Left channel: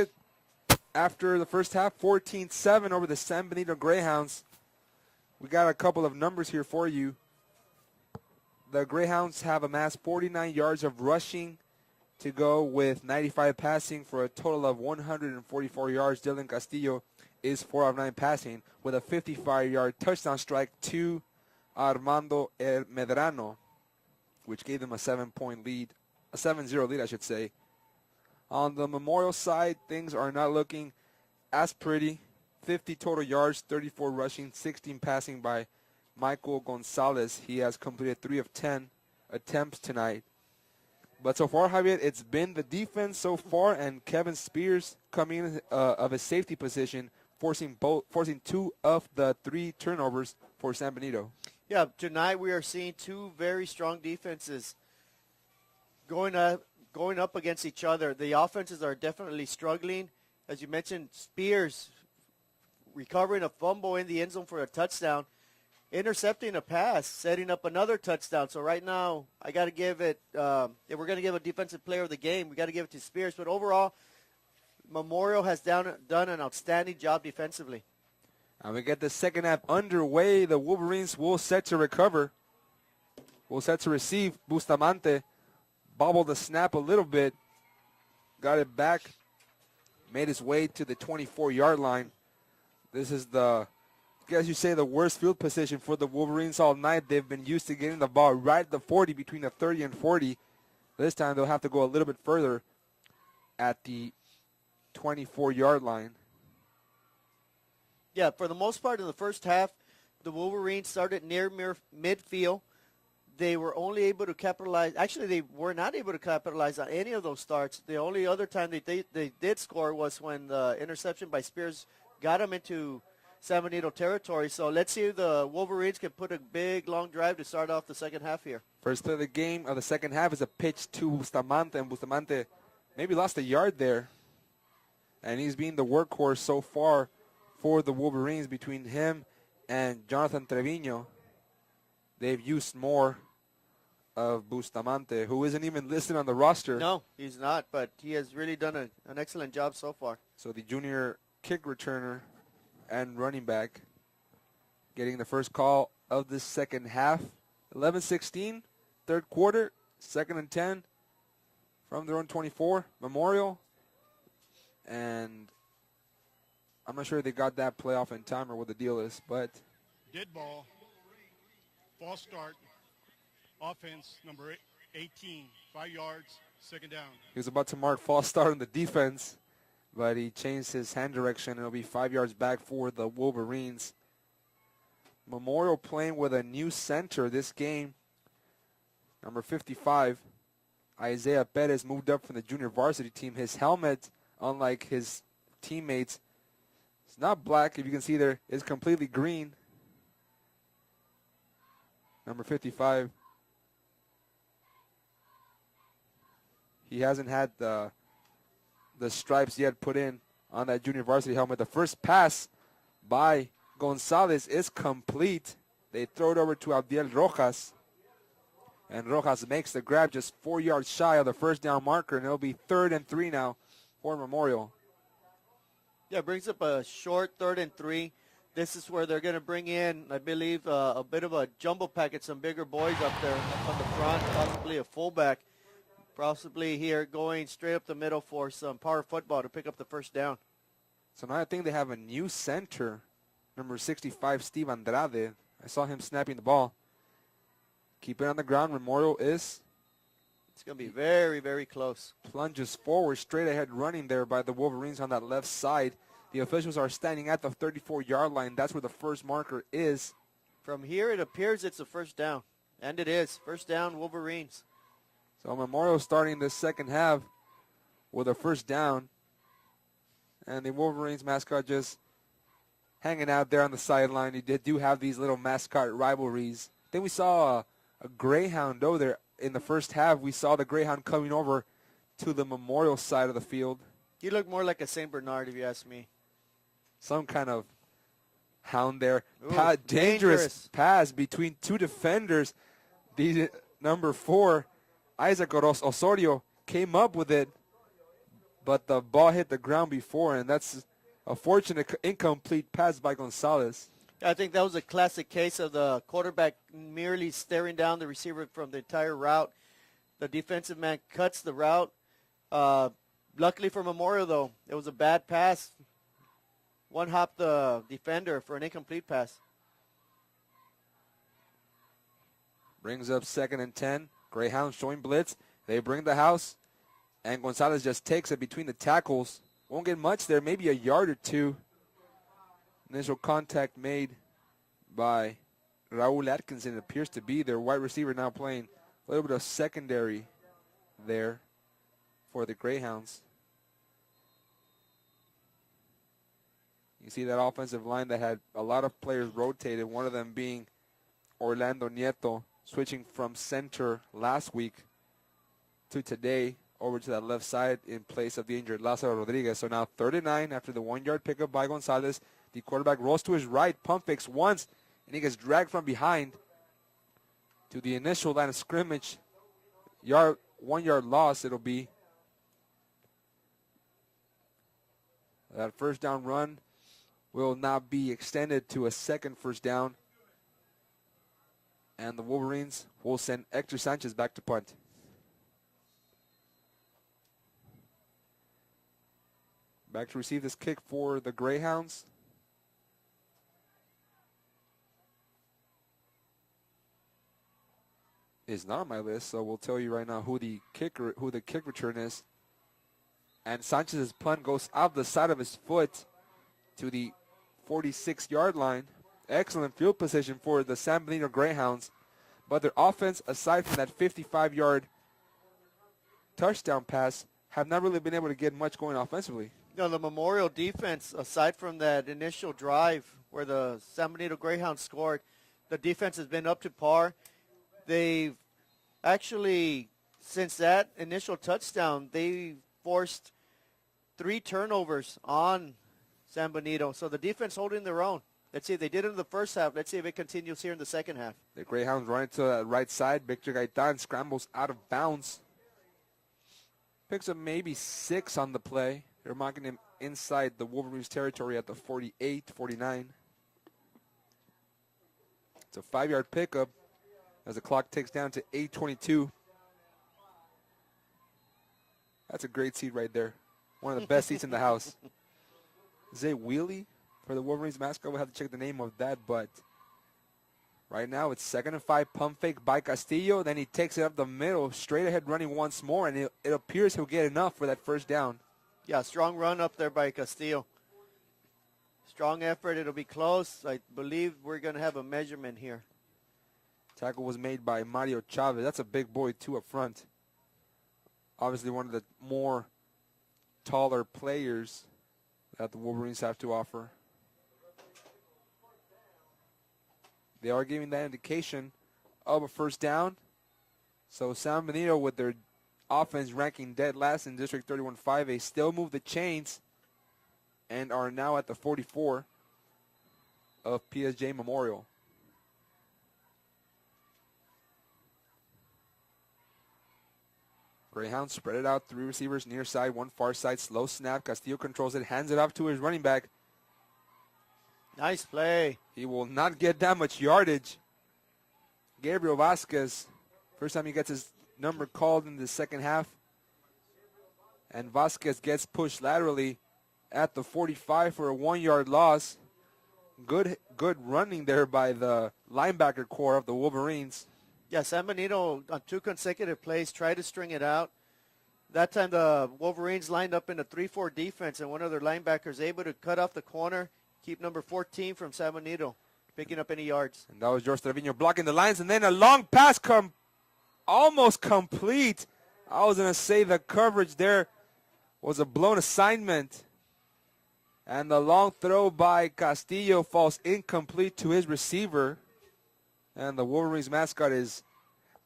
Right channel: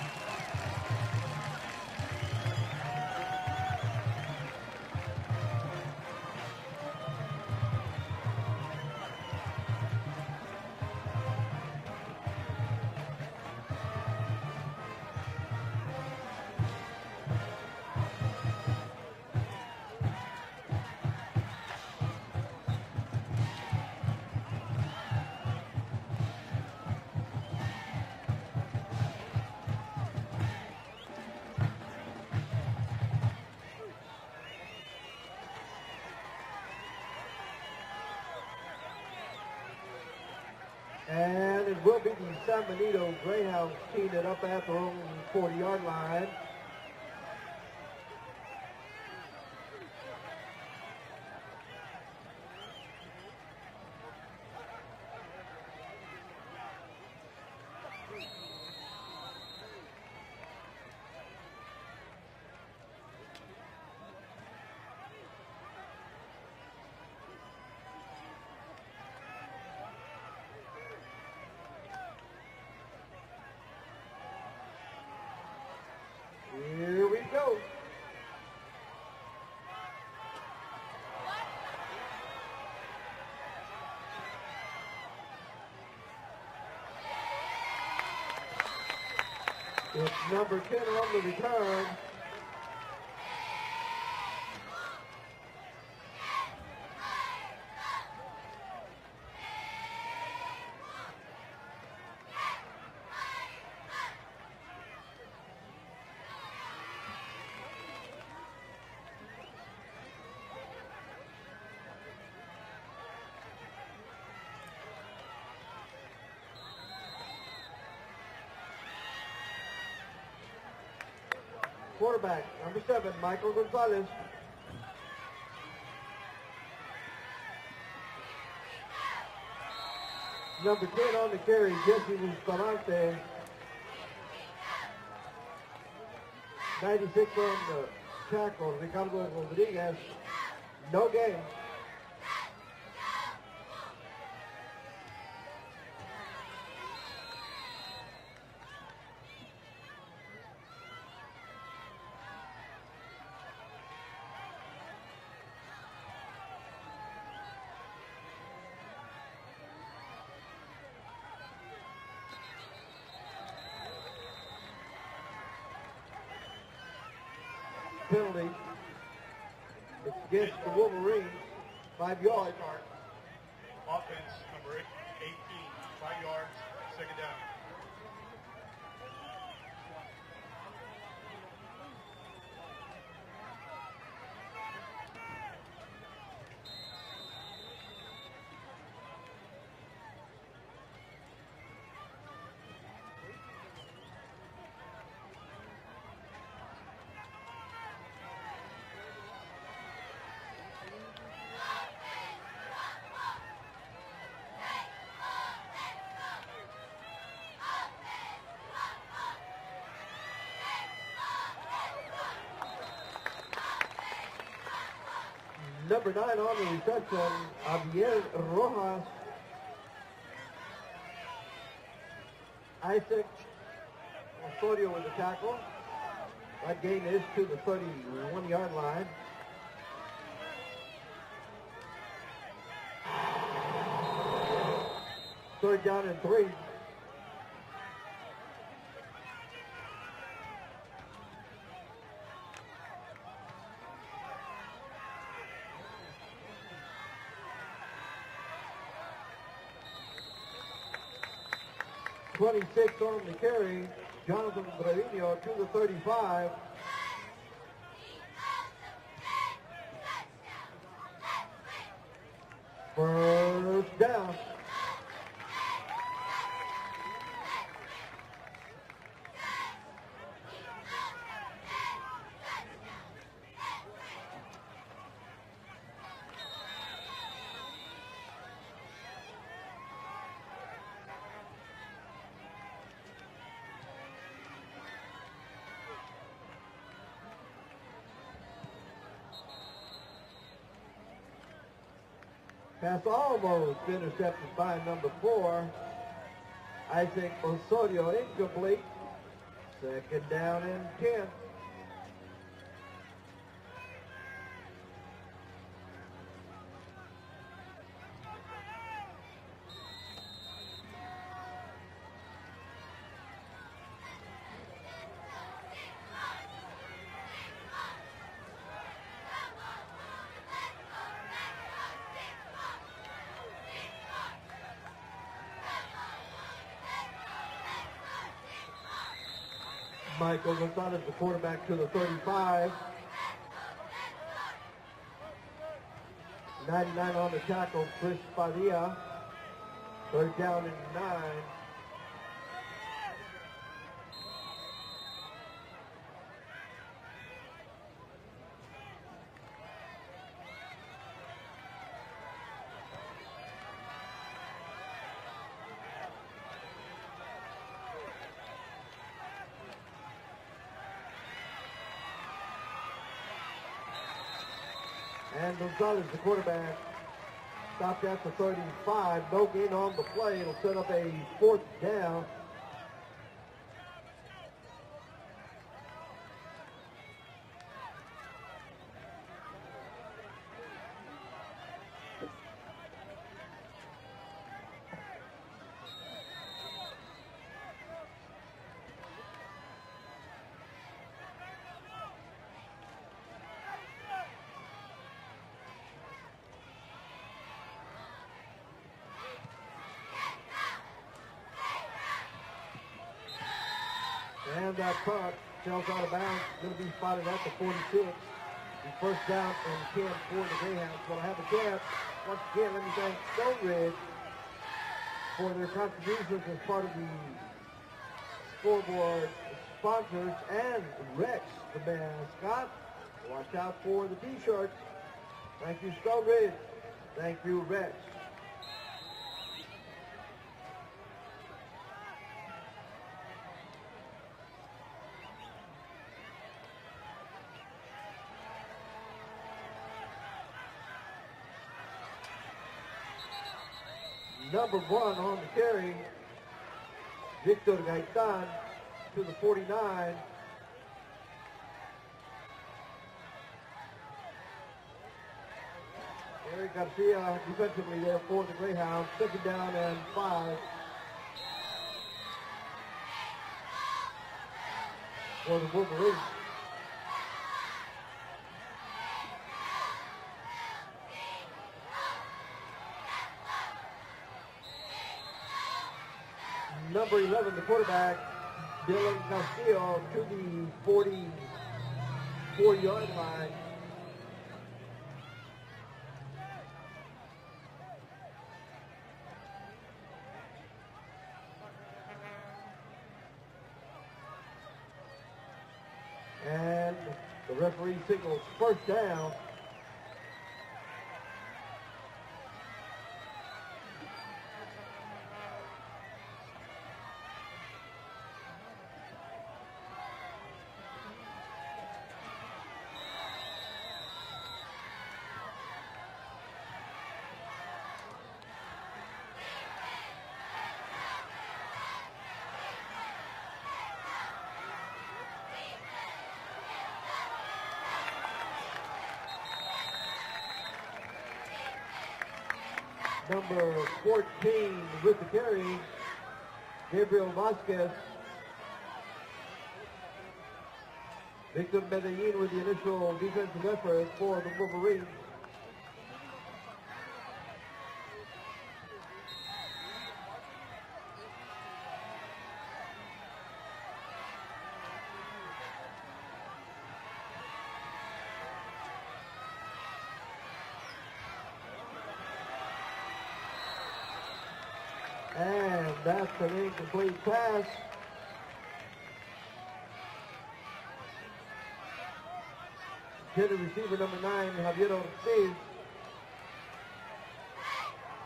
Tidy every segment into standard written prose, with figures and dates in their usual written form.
undefeated after the first half, 14-7 over the San Benito Greyhounds. We got a couple of numbers here for you. The Greyhounds have amassed 49 yards of rushing to go with 95 passing for a total of 144 yards. Dylan Castillo is 4 of 9 passing with a 55-yard touchdown strike to Armando Medrano, which gave them a 7-point lead, a 7-0 lead, I should say. On the Memorial side, things are not looking as pretty. 50 total yards, 34 rushing, 16 passing by Michael Gonzalez. He has completed 3 of 10 attempts tonight. But so far, Javier, it's been the defense so far, and Kevin Spears coming of his safety position, forcing 2 of the 3 turnovers for San Benito. Yeah, tonight we are seeing 2 very strong defenses going up against each other. The offenses are definitely struggling. As you mentioned, Spears recovering a fumble in the end zone for a touchdown, intercepting a pass, setting up another touchdown. So right now, I got to give it, if we're going to give a defensive player of the game, we got to give it to Spears. But overall, Memorial has done an outstanding job defensively. And we get the second half underway. The Wolverines will set to recover. Will set to receive. Bustamante bobbled the snap a little bit. Got it back. Made his way to the 24-yard line. This is the, as you say, the worst field position for the Wolverines all night. They've been used to getting the ball right at the 40, between the 30 and 40. This time they'll have to go a little bit further at the 24-yard line. Yeah, for the most part in the first half, the Wolverines started near midfield. They were only able to capitalize. Actually, they were not able to capitalize on any of those starts. The only other time they did score was when the interception by Spears got them into San Benito territory. So let's see if the Wolverines can put a big, long drive to start off the second half here. First play of the game of the second half is a pitch to Bustamante. Bustamante maybe lost a yard there. And he's been the workhorse so far for the Wolverines. Between him and Jonathan Trevino, they've used more of Bustamante, who isn't even listed on the roster. No, he's not, but he has really done an excellent job so far. So the junior kick returner and running back getting the first call of this second half. 11-16, third quarter, 2nd and 10 from their own 24. Memorial. And I'm not sure they got that play off in time or what the deal is, but Gets the Wolverine 5 yards. Offense number 18, 5 yards, second down. he was about to mark false start on the defense, but he changed his hand direction. It'll be 5 yards back for the Wolverines. Memorial playing with a new center this game. Number 55, Isaiah Perez, moved up from the junior varsity team. His helmet, unlike his teammates, it's not black. If you can see there, it's completely green. Number 55. He hasn't had the stripes yet put in on that junior varsity helmet. The first pass by Gonzalez is complete. They throw it over to Abdiel Rojas. And Rojas makes the grab just 4 yards shy of the first down marker, and it'll be 3rd and 3 now for Memorial. Yeah, brings up a short 3rd and 3. This is where they're going to bring in, I believe, a bit of a jumbo package, some bigger boys up there on the front, possibly a fullback, possibly here going straight up the middle for some power football to pick up the first down. So now I think they have a new center, number 65, Steve Andrade. I saw him snapping the ball. Keep it on the ground. Memorial is. It's going to be very, very close. Plunges forward, straight ahead running there by the Wolverines on that left side. The officials are standing at the 34-yard line. That's where the first marker is. From here, it appears it's a first down. And it is. First down, Wolverines. So Memorial starting the second half with a first down. And the Wolverines mascot just hanging out there on the sideline. They do have these little mascot rivalries. Then we saw a Greyhound over there in the first half. We saw the Greyhound coming over to the Memorial side of the field. He looked more like a St. Bernard, if you ask me. Some kind of hound there. Ooh, dangerous pass between 2 defenders. Number 4, Isaac Osorio, came up with it, but the ball hit the ground before, and that's a fortunate incomplete pass by Gonzalez. I think that was a classic case of the quarterback merely staring down the receiver from the entire route. The defensive man cuts the route. Luckily for Memorial, though, it was a bad pass. One hop the defender for an incomplete pass. Brings up 2nd and 10. Greyhounds showing blitz. They bring the house, and Gonzalez just takes it between the tackles. Won't get much there, maybe a yard or two. Initial contact made by Raul Atkinson. Appears to be their wide receiver now playing a little bit of secondary there for the Greyhounds. You see that offensive line that had a lot of players rotated, one of them being Orlando Nieto, switching from center last week to today over to that left side in place of the injured Lázaro Rodriguez. So now 39 after the 1-yard pickup by Gonzalez. The quarterback rolls to his right, pump fakes once, and he gets dragged from behind to the initial line of scrimmage. 1-yard loss it'll be. That first down run will now be extended to a second first down. And the Wolverines will send Hector Sanchez back to punt. Back to receive this kick for the Greyhounds. Is not on my list, so we'll tell you right now who the kick return is. And Sanchez's punt goes out the side of his foot to the 46-yard line. Excellent field position for the San Benito Greyhounds. But their offense, aside from that 55-yard touchdown pass, have not really been able to get much going offensively. You know, the Memorial defense, aside from that initial drive where the San Benito Greyhounds scored, the defense has been up to par. They've actually, since that initial touchdown, they forced 3 turnovers on San Benito. So the defense holding their own. Let's see if they did it in the first half. Let's see if it continues here in the second half. The Greyhounds run to the right side. Victor Gaitan scrambles out of bounds. Picks up maybe 6 on the play. They're marking him inside the Wolverines territory at the 48, 49. It's a 5-yard pickup as the clock ticks down to 8:22. That's a great seat right there. One of the best seats in the house. Is it Wheelie for the Wolverines mascot? We'll have to check the name of that, but right now it's 2nd and 5, pump fake by Castillo. Then he takes it up the middle, straight ahead running once more, and it appears he'll get enough for that first down. Yeah, strong run up there by Castillo. Strong effort, it'll be close. I believe we're gonna have a measurement here. Tackle was made by Mario Chavez. That's a big boy too up front. Obviously one of the more taller players that the Wolverines have to offer. And the referee signals first down. They are giving that indication of a first down. So San Benito, with their offense ranking dead last in District 31-5A, still move the chains and are now at the 44 of PSJA Memorial. Greyhounds spread it out, 3 receivers near side, 1 far side, slow snap. Castillo controls it, hands it off to his running back. Nice play. He will not get that much yardage. Gabriel Vasquez, first time he gets his number called in the second half. And Vasquez gets pushed laterally at the 45 for a 1-yard loss. Good running there by the linebacker core of the Wolverines. Yeah, San Benito on 2 consecutive plays tried to string it out. That time the Wolverines lined up in a 3-4 defense, and one of their linebackers able to cut off the corner, keep number 14 from San Benito picking up any yards. That was George Trevino blocking the lines, and then a long pass almost complete. I was going to say the coverage there was a blown assignment. And the long throw by Castillo falls incomplete to his receiver. And the Wolverines mascot is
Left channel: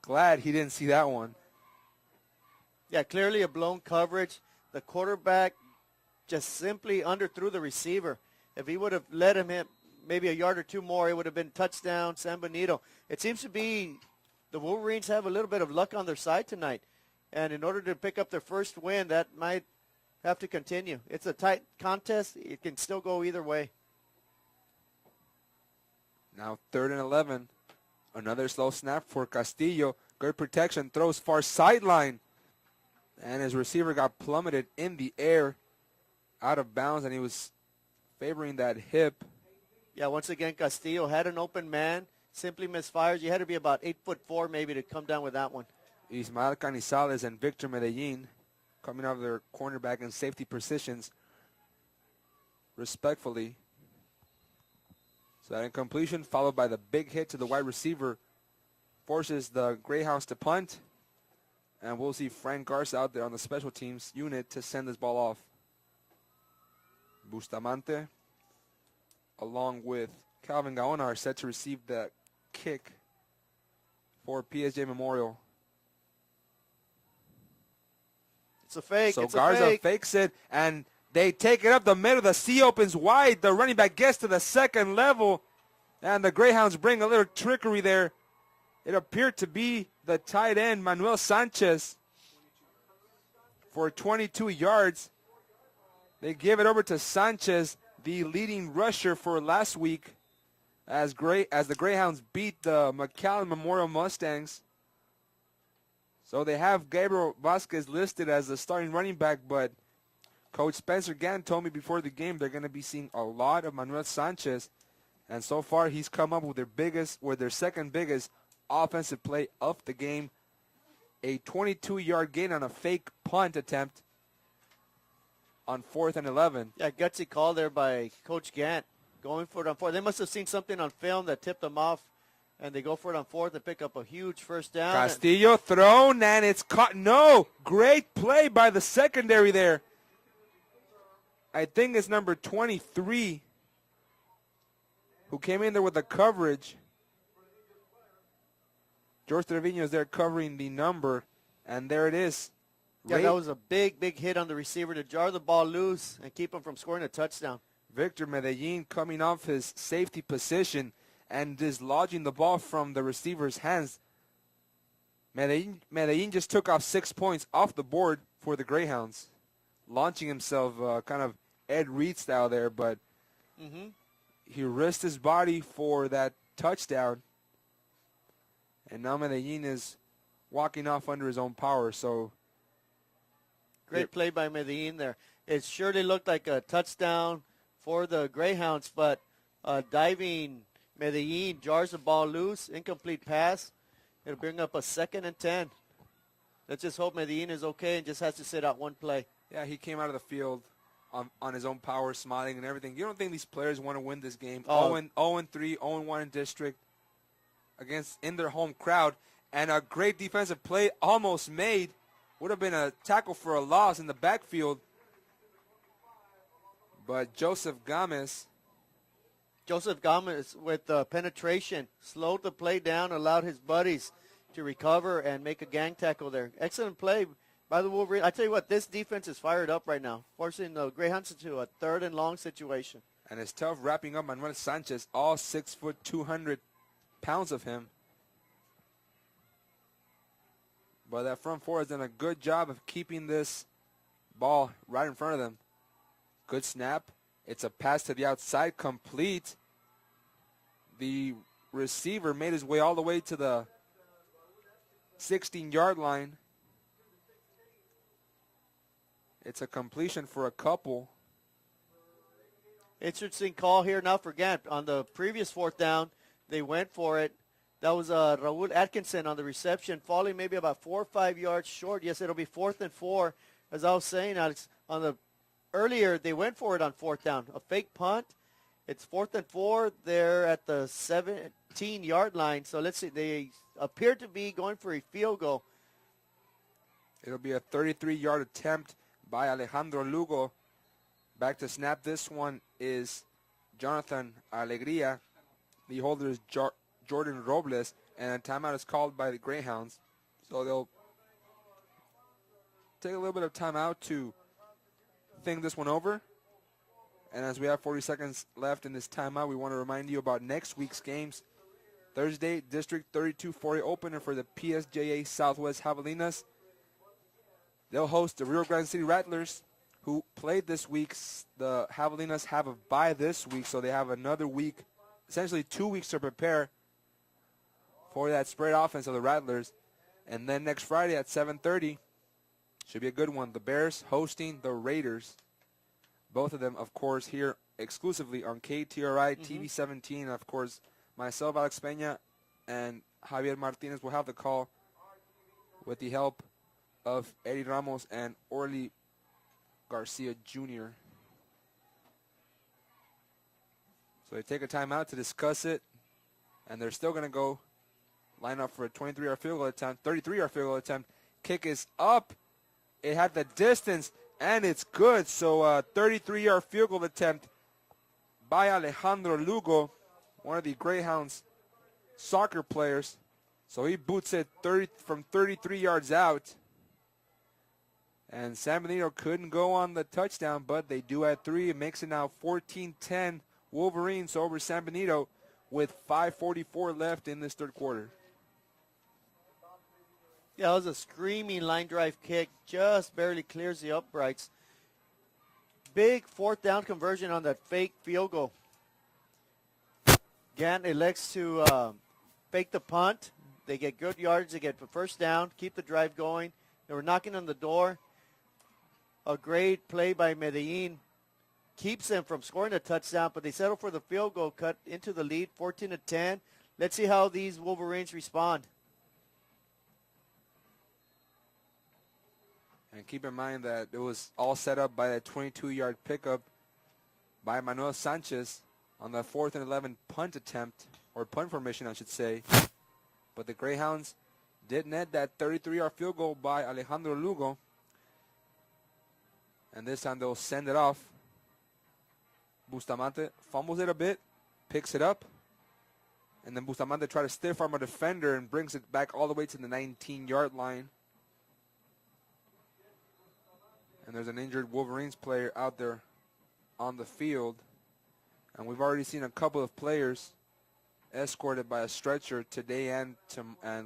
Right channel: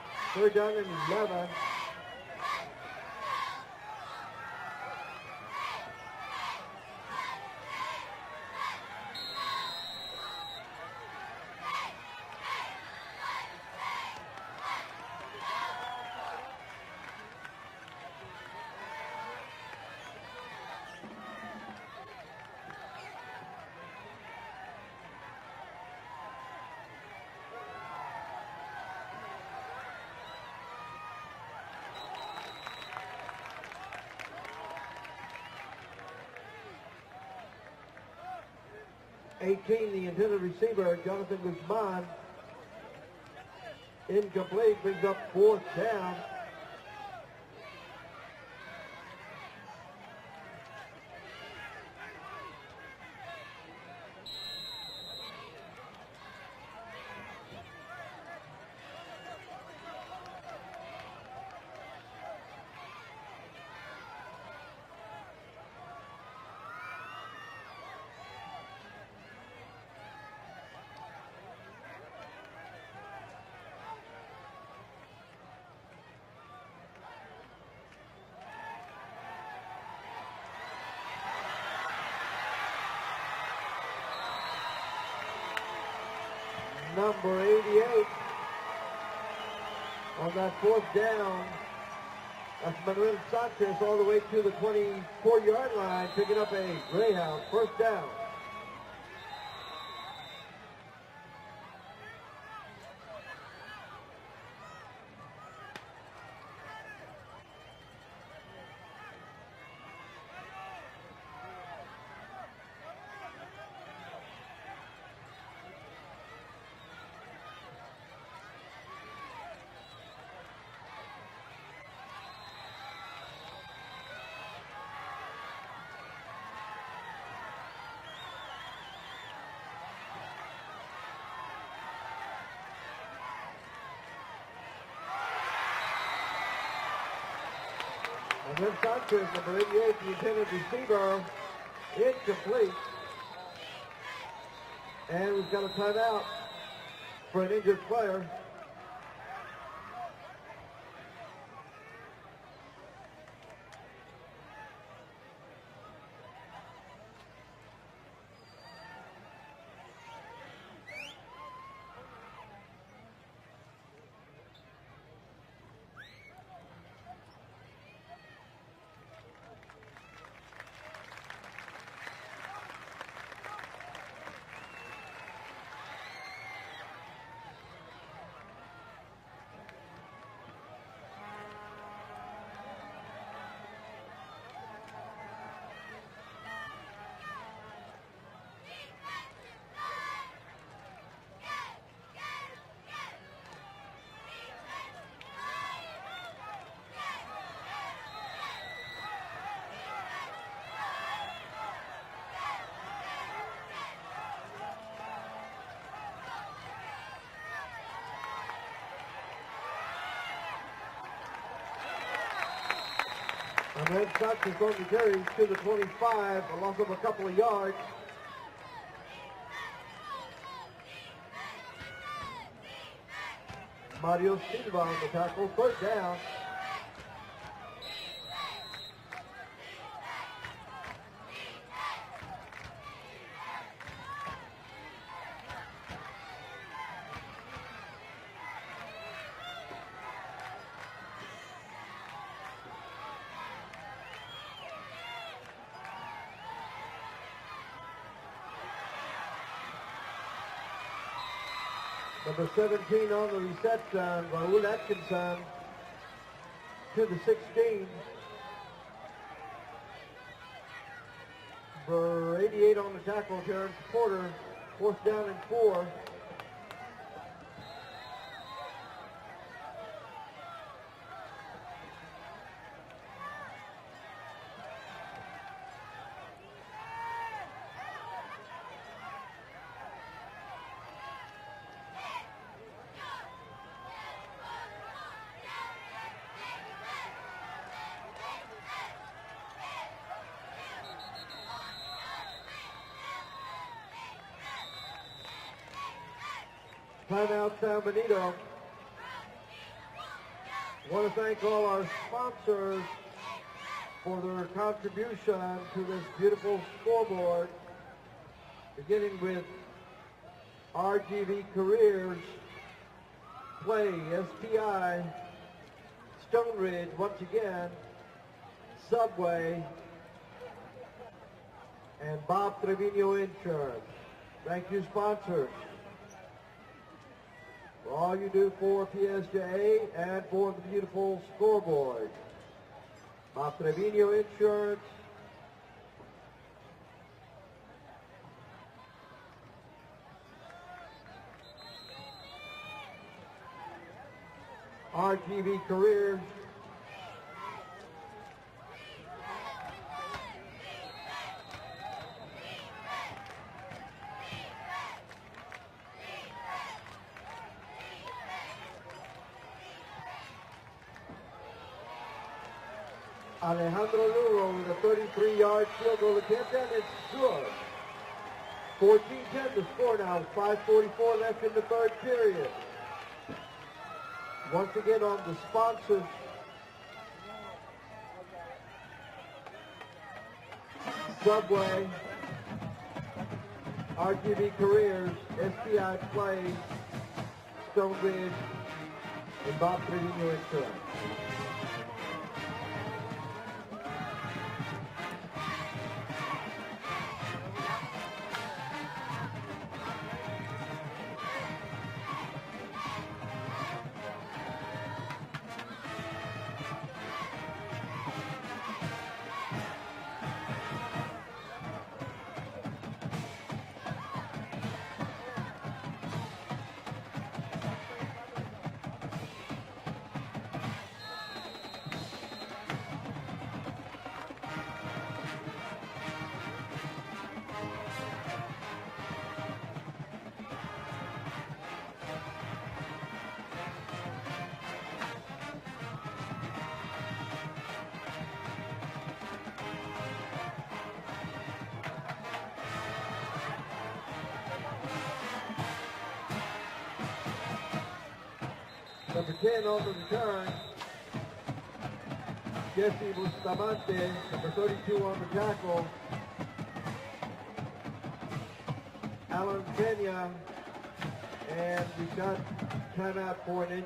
glad he didn't see that one. Yeah, clearly a blown coverage. The quarterback just simply underthrew the receiver. If he would have let him in maybe a yard or 2 more, it would have been touchdown San Benito. It seems to be the Wolverines have a little bit of luck on their side tonight. And in order to pick up their first win, that might have to continue. It's a tight contest. It can still go either way. Now 3rd and 11. Another slow snap for Castillo. Good protection, throws far sideline. And his receiver got plummeted in the air, out of bounds, and he was favoring that hip. 18, Yeah, once again, Castillo had an open man, simply misfires. You had to be about 8'4" maybe to come down with that one. Down. Ismael Canizales and Victor Medellin coming out of their cornerback and safety positions, respectfully. So that incompletion followed by the big hit to the wide receiver forces the Greyhounds to punt. And we'll see Frank Garza out there on the special teams unit to send this ball off. Bustamante, along with Calvin Gaona, are set to receive that kick for PSJA Memorial. It's a fake. So It's Garza a fake. fakes it, and they take it up the middle. The C opens wide. The running back gets to the second level, and the Greyhounds bring a little trickery there. It appeared to be the tight end, Manuel Sanchez, for 22 yards. 4-yard line. They give it over to Sanchez, the leading rusher for last week, as the Greyhounds beat the McAllen Memorial Mustangs. So they have Gabriel Vasquez listed as the starting running back, but Coach Spencer Gann told me before the game they're going to be seeing a lot of Manuel Sanchez, and so far he's come up with their second biggest offensive play of the game. A 22-yard gain on a fake punt attempt on 4th and 11. Yeah, gutsy call there by Coach Gant, going for it on 4th. They must have seen something on film that tipped them off, and they go for it on 4th to pick up a huge first down. Castillo thrown, and it's caught. No, great play by the secondary there. I think it's number 23 who came in there with the coverage. For an injured player. George Trevino is there covering the number, and there it is. Yeah, that was a big, big hit on the receiver to jar the ball loose and keep him from scoring a touchdown. Victor Medellin coming off his safety position and dislodging the ball from the receiver's hands. Medellin just took off 6 points off the board for the Greyhounds, launching himself kind of Ed Reed style there, but he risked his body for that touchdown. And now Medellin is walking off under his own power. So great play by Medellin there. It surely looked like a touchdown for the Greyhounds, but diving Medellin jars the ball loose, incomplete pass. It'll bring up a 2nd and 10. Let's just hope Medellin is okay and just has to sit out one play. yeah, he came out of the field on his own power, smiling and everything. You don't think these players want to win this game? 0-3, 0-1 in district in their home crowd, and a great defensive play almost made. Would have been a tackle for a loss in the backfield. To the 25, a loss of a couple But of Joseph Gomez with penetration slowed the play down, allowed his buddies to recover and make a gang tackle there. Excellent play by the Wolverines. I tell you what, this defense is fired up right now, forcing the Greyhounds into a 3rd and long situation. And it's tough wrapping up Manuel Sanchez, all 6 foot 200 pounds of him. But that front four has done a good job of keeping this ball right in front of them. Good snap. It's a pass to the outside, complete. The receiver made his way all the way to the 16-yard line. To the 16. It's a completion for a couple. For 88 on the Interesting call here. Now forget, on the previous 4th down, they went for it. That was Raul Atkinson on the reception, falling maybe about 4 or 5 yards short. Yes, it'll be 4th and 4. As I was saying, earlier they went for it on 4th down. A fake punt. It's 4th and 4. They're at the 17-yard line. So let's see. They appear to be going for a field goal. It'll be a 33-yard attempt by Alejandro Lugo. Back to snap. This one is Jonathan Alegria. He holds Jordan Robles, and a timeout is called by the Greyhounds. So they'll I want to thank all our sponsors take a little bit of time out for to their contribution think this to one over. beautiful scoreboard. And as we have 40 seconds left in this timeout, we want to remind you about next week's games. RTV Careers, Thursday, District 32-40 Playing opener for the STI PSJA Southwest Javelinas. Stone Ridge once again. They'll host the Rio Grande City Subway, Rattlers, who played this week. The Javelinas Bob have a Trevino bye this Insurance. week, so they have another Thank week, you, sponsors. essentially 2 weeks to prepare All for you that do spread for offense of the PSJA Rattlers. And for then next beautiful Friday at 7:30, scoreboard. should be a good one. Bob The Bears Trevino hosting the Insurance. Raiders. Both of them, of course, here exclusively on KTRI TV 17. Of course, myself, Alex Peña, and Javier Martinez will have the call RTV with Careers. the help of Eddie Ramos and Orly Garcia Jr. So they take a timeout to discuss it, and they're still going to go line up for a 23-yard field goal attempt, 33-yard field goal attempt. Kick is up. It had the distance, and it's good. So 33-yard field goal attempt by Alejandro Lugo, one of the Greyhounds soccer players. So he boots it from 33 yards out. And San Benito couldn't go on the touchdown, but they do have 3. It makes it now 14-10 Wolverines over San Benito with 5:44 left in this third quarter. Yeah, that was a screaming line drive kick. Just barely clears the uprights. Big fourth down conversion on that fake field goal. Gant elects to fake the punt. They get good yards. They get the first down, keep the drive going. They were knocking on the door. A great play by Medellin keeps them from scoring a touchdown, but they settle for the field goal, cut into the lead, 14-10. Let's see how these Wolverines respond. Keep in mind that it was all set up by that 22-yard pickup by Manuel Sanchez on the 4th and 11 punt attempt, or punt formation, I should say. But the Greyhounds did net that 33-yard field goal by Alejandro Lugo. And this time they'll send it off. Bustamante fumbles it a bit, picks it up. And then Bustamante tries to stiff arm a defender and brings it back all the way to the 19-yard line. There's an injured Wolverines player out there on the field. And we've already seen a couple of players escorted by a stretcher today and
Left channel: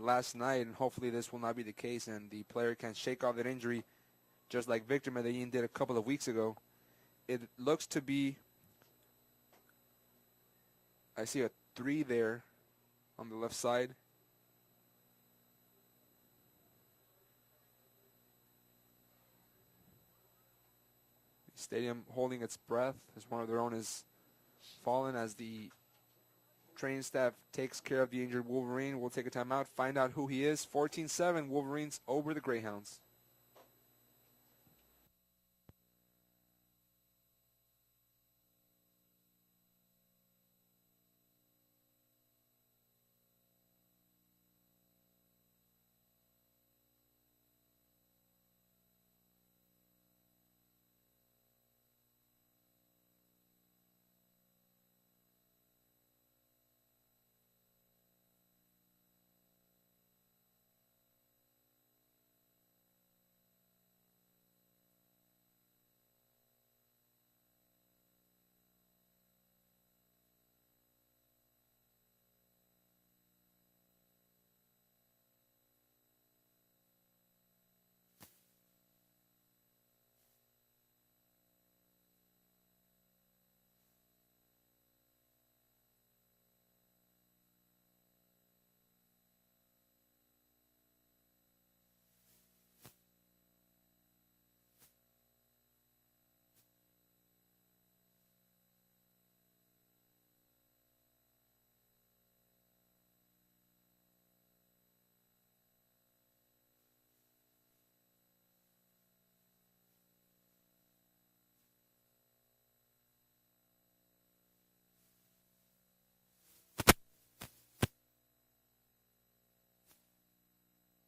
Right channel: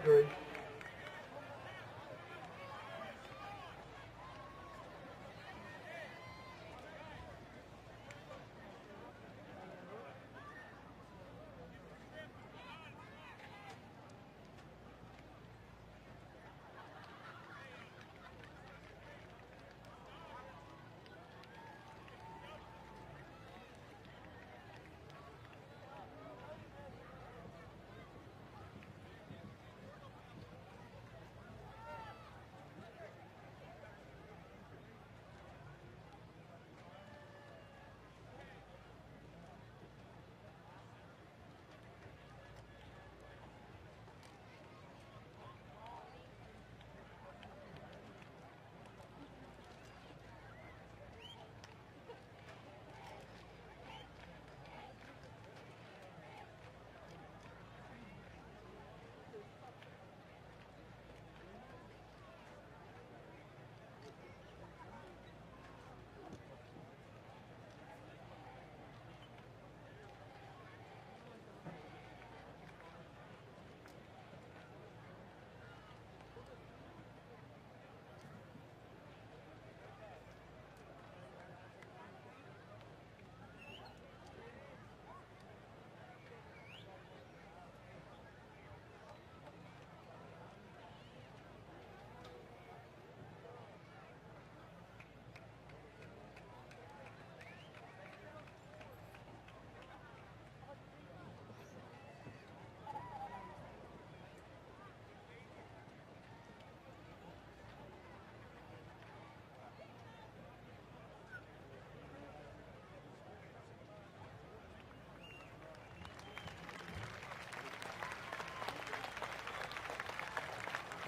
last night. And hopefully this will not be the case and the player can shake off that injury just like Victor Medellin did a couple of weeks ago. It looks to be, I see a 3 there on the left side. Stadium holding its breath as one of their own is fallen as the training staff takes care of the injured Wolverine. We'll take a timeout, find out who he is. 14-7 Wolverines over the Greyhounds.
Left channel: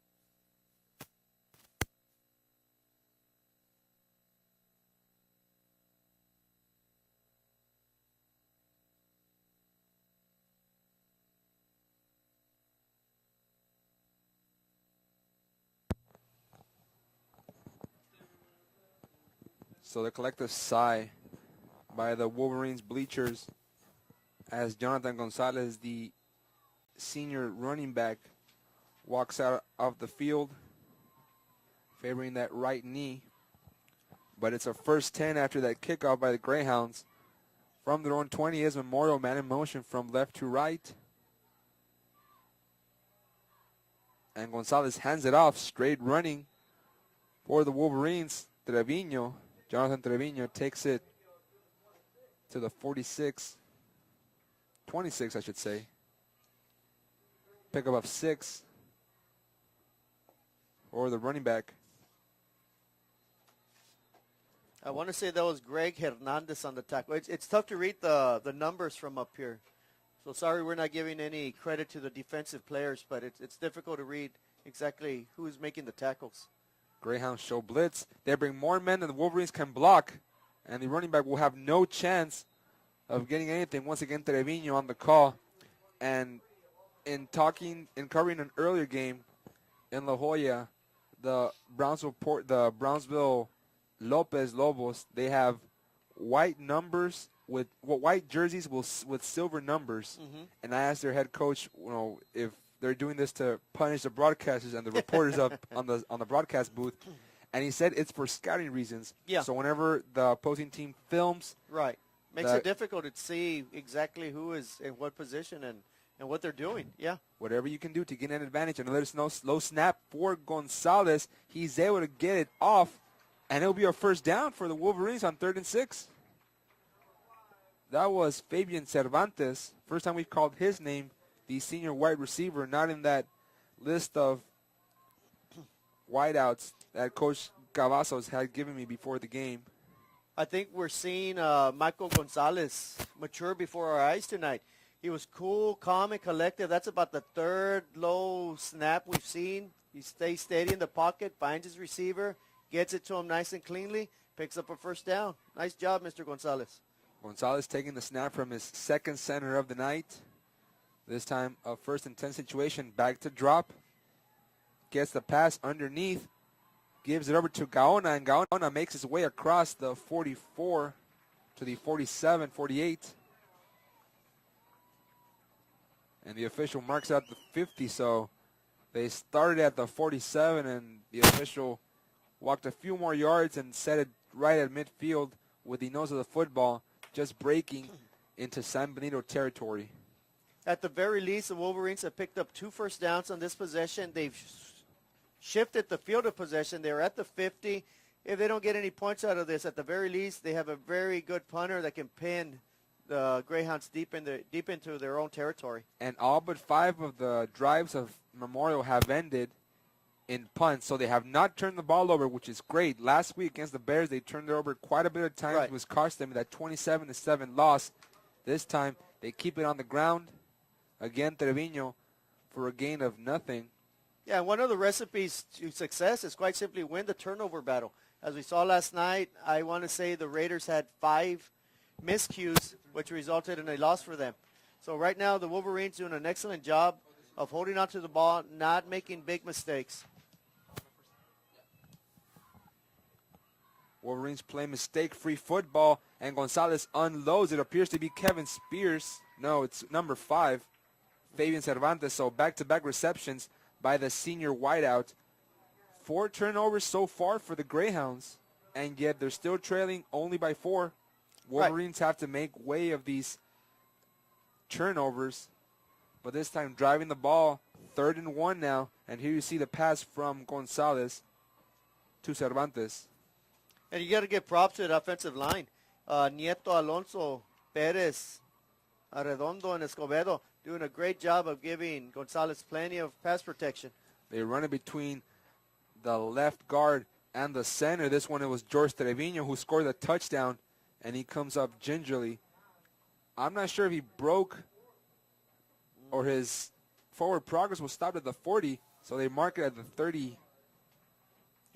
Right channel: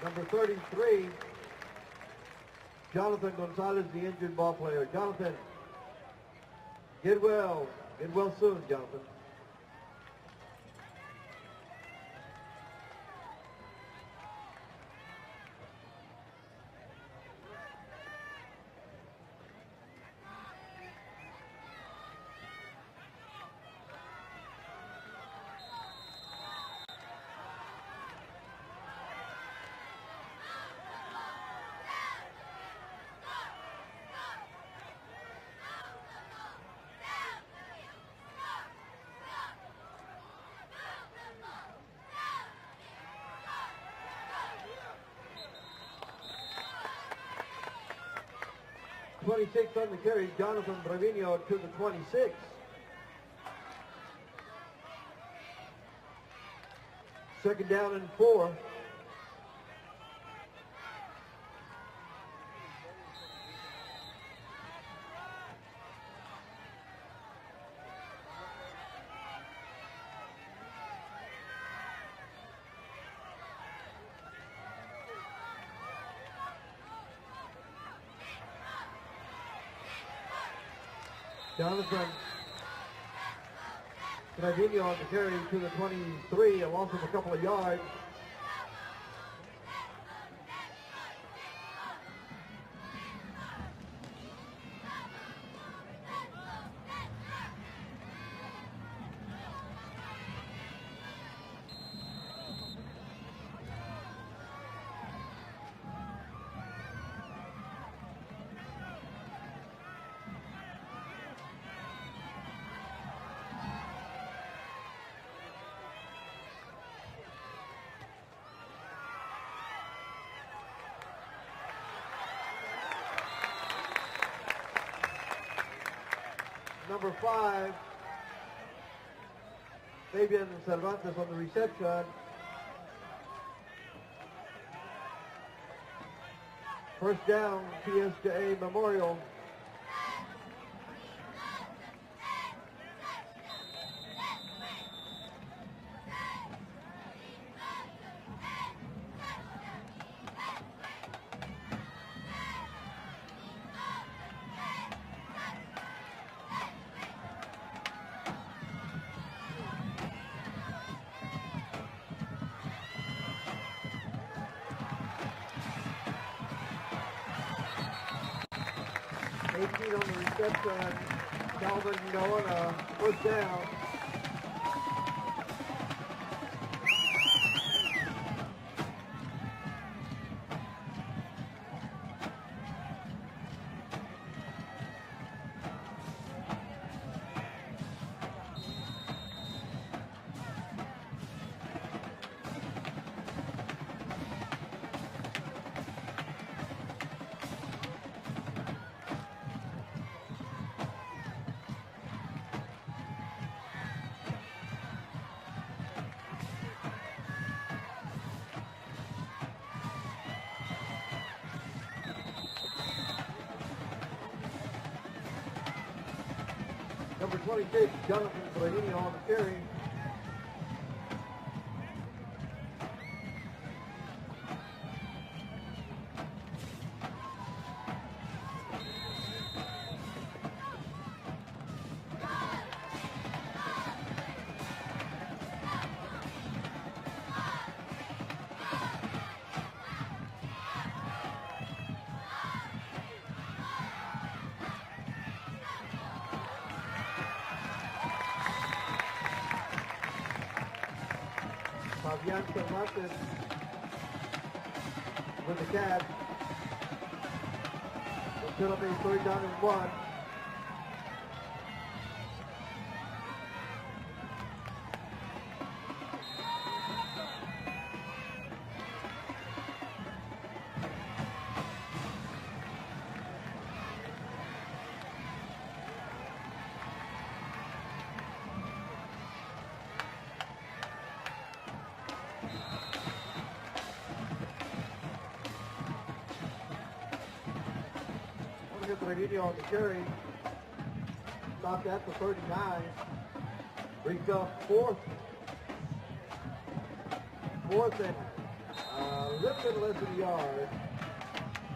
Number 33, Jonathan Gonzalez, the injured ball player. Jonathan, get well. Get well soon, Jonathan. So the collective sigh by the Wolverines bleachers as Jonathan Gonzalez, the senior running back, walks out of the field, favoring that right knee. But it's a first 10 after that kickoff by the Greyhounds. From their own 20 is Memorial, man in motion from left to right. And Gonzalez hands it off, straight running for the Wolverines. Trevino, Jonathan Trevino takes it to the 46. 26, I should say. Second Pick down up and 4. 6 or the running back. I want to say that was Greg Hernandez on the tackle. It's tough to read the numbers from up here. So sorry we're not giving any credit to the defensive players, but it's difficult to read exactly who's making the tackles. Greyhounds show blitz. They bring more men than the Wolverines can block. And the running back will have no chance of getting anything. Once again, Trevino on the call. And in covering an earlier game in La Jolla, the Brownsville Lopez Lobos, they have white numbers with white jerseys with silver numbers. And I asked their head coach, if they're doing this to punish the broadcasters and the reporters on the broadcast booth, and he said it's for scouting reasons. Yeah. So whenever the opposing team films, right, makes it difficult to see exactly who is in what position and what they're doing. Yeah. Whatever you can do to get an advantage, and let us know. Slow snap for Gonzalez. He's able to get it off, and it'll be a first down for the Wolverines on 3rd and 6. Number 5. That was Fabian Cervantes. First time we called his name, the senior wide receiver, not in that list of wideouts that Coach Cavazos had given me before the game. I think we're seeing Michael Gonzalez mature before our eyes tonight. He was cool, calm, and collected. That's about the 3rd low snap we've seen. He stays steady in the pocket, finds his receiver, gets it to him nice and cleanly, picks up a first down. Nice job, Mr. Gonzalez. Gonzalez taking the snap from his second center of the night. This time a 1st and 10 situation, back to drop. Gets the pass underneath, gives it over to Gaona, and Gaona makes his way across the 44, 47, 48. And the official marks up 50, so they started at the 47, and the official walked a few more yards and set it right at midfield with the nose of the football, just breaking into San Benito territory. At the very least, the Wolverines have picked up 2 first downs on this possession. They've shifted the field of possession. They're at the 50. If they don't get any points out of this, at the very least, they have a very good punter that can pin the Greyhounds deep into their own territory. And all but 5 of the drives of Memorial have ended in punts, so they have not turned the ball over, which is great. Last week against the Bears, they turned it over quite a bit of time. It was cost them that 27-7 loss. This time, they keep it on the ground. Again, Trevino for a gain of nothing. Yeah, one of the recipes to success is quite simply win the turnover battle. As we saw last night, I want to say the Raiders had 5 miscues, which resulted in a loss for them. So right now, the Wolverines doing an excellent job of holding onto the ball, not making big mistakes. Wolverines play mistake-free football, and Gonzalez unloads. It appears to be Kevin Spears. No, it's number 5, Fabian Cervantes. So back-to-back receptions by the senior wideout. 4 turnovers so far for the Greyhounds, and yet they're still trailing only by 4. Wolverines have to make way of these turnovers, but this time driving the ball. 3rd and 1 now, and here you see the pass from Gonzalez to Cervantes. And you got to give props to the offensive line. Nieto, Alonso, Perez, Arredondo, and Escobedo doing a great job of giving Gonzalez plenty of pass protection. They run it between the left guard and the center. This one, it was George Trevino who scored a touchdown, and he comes up gingerly. I'm not sure if he broke or his forward progress was stopped at the 40, so they mark it at the 30.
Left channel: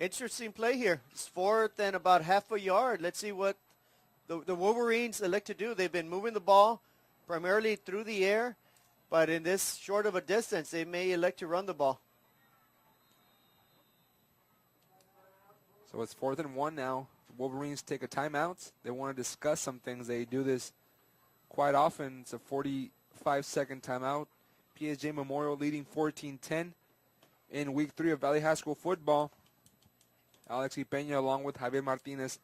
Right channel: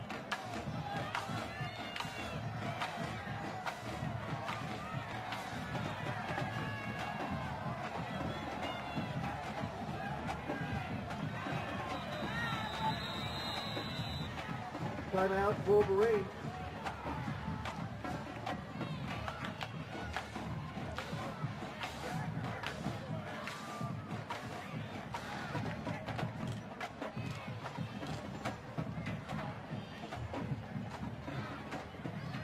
Interesting play here. It's 4th and about half a yard. Let's see what the Wolverines elect to do. They've been moving the ball primarily through the air, but in this short of a distance, they may elect to run the ball. Timeout, Wolverines. It's 4th and 1 now. Wolverines take a timeout. They want to discuss some things. They do this quite often. It's a 45-second timeout. PSJA Memorial leading 14-10 in week 3 of Valley High School football. Alex Peña along with Javier Martinez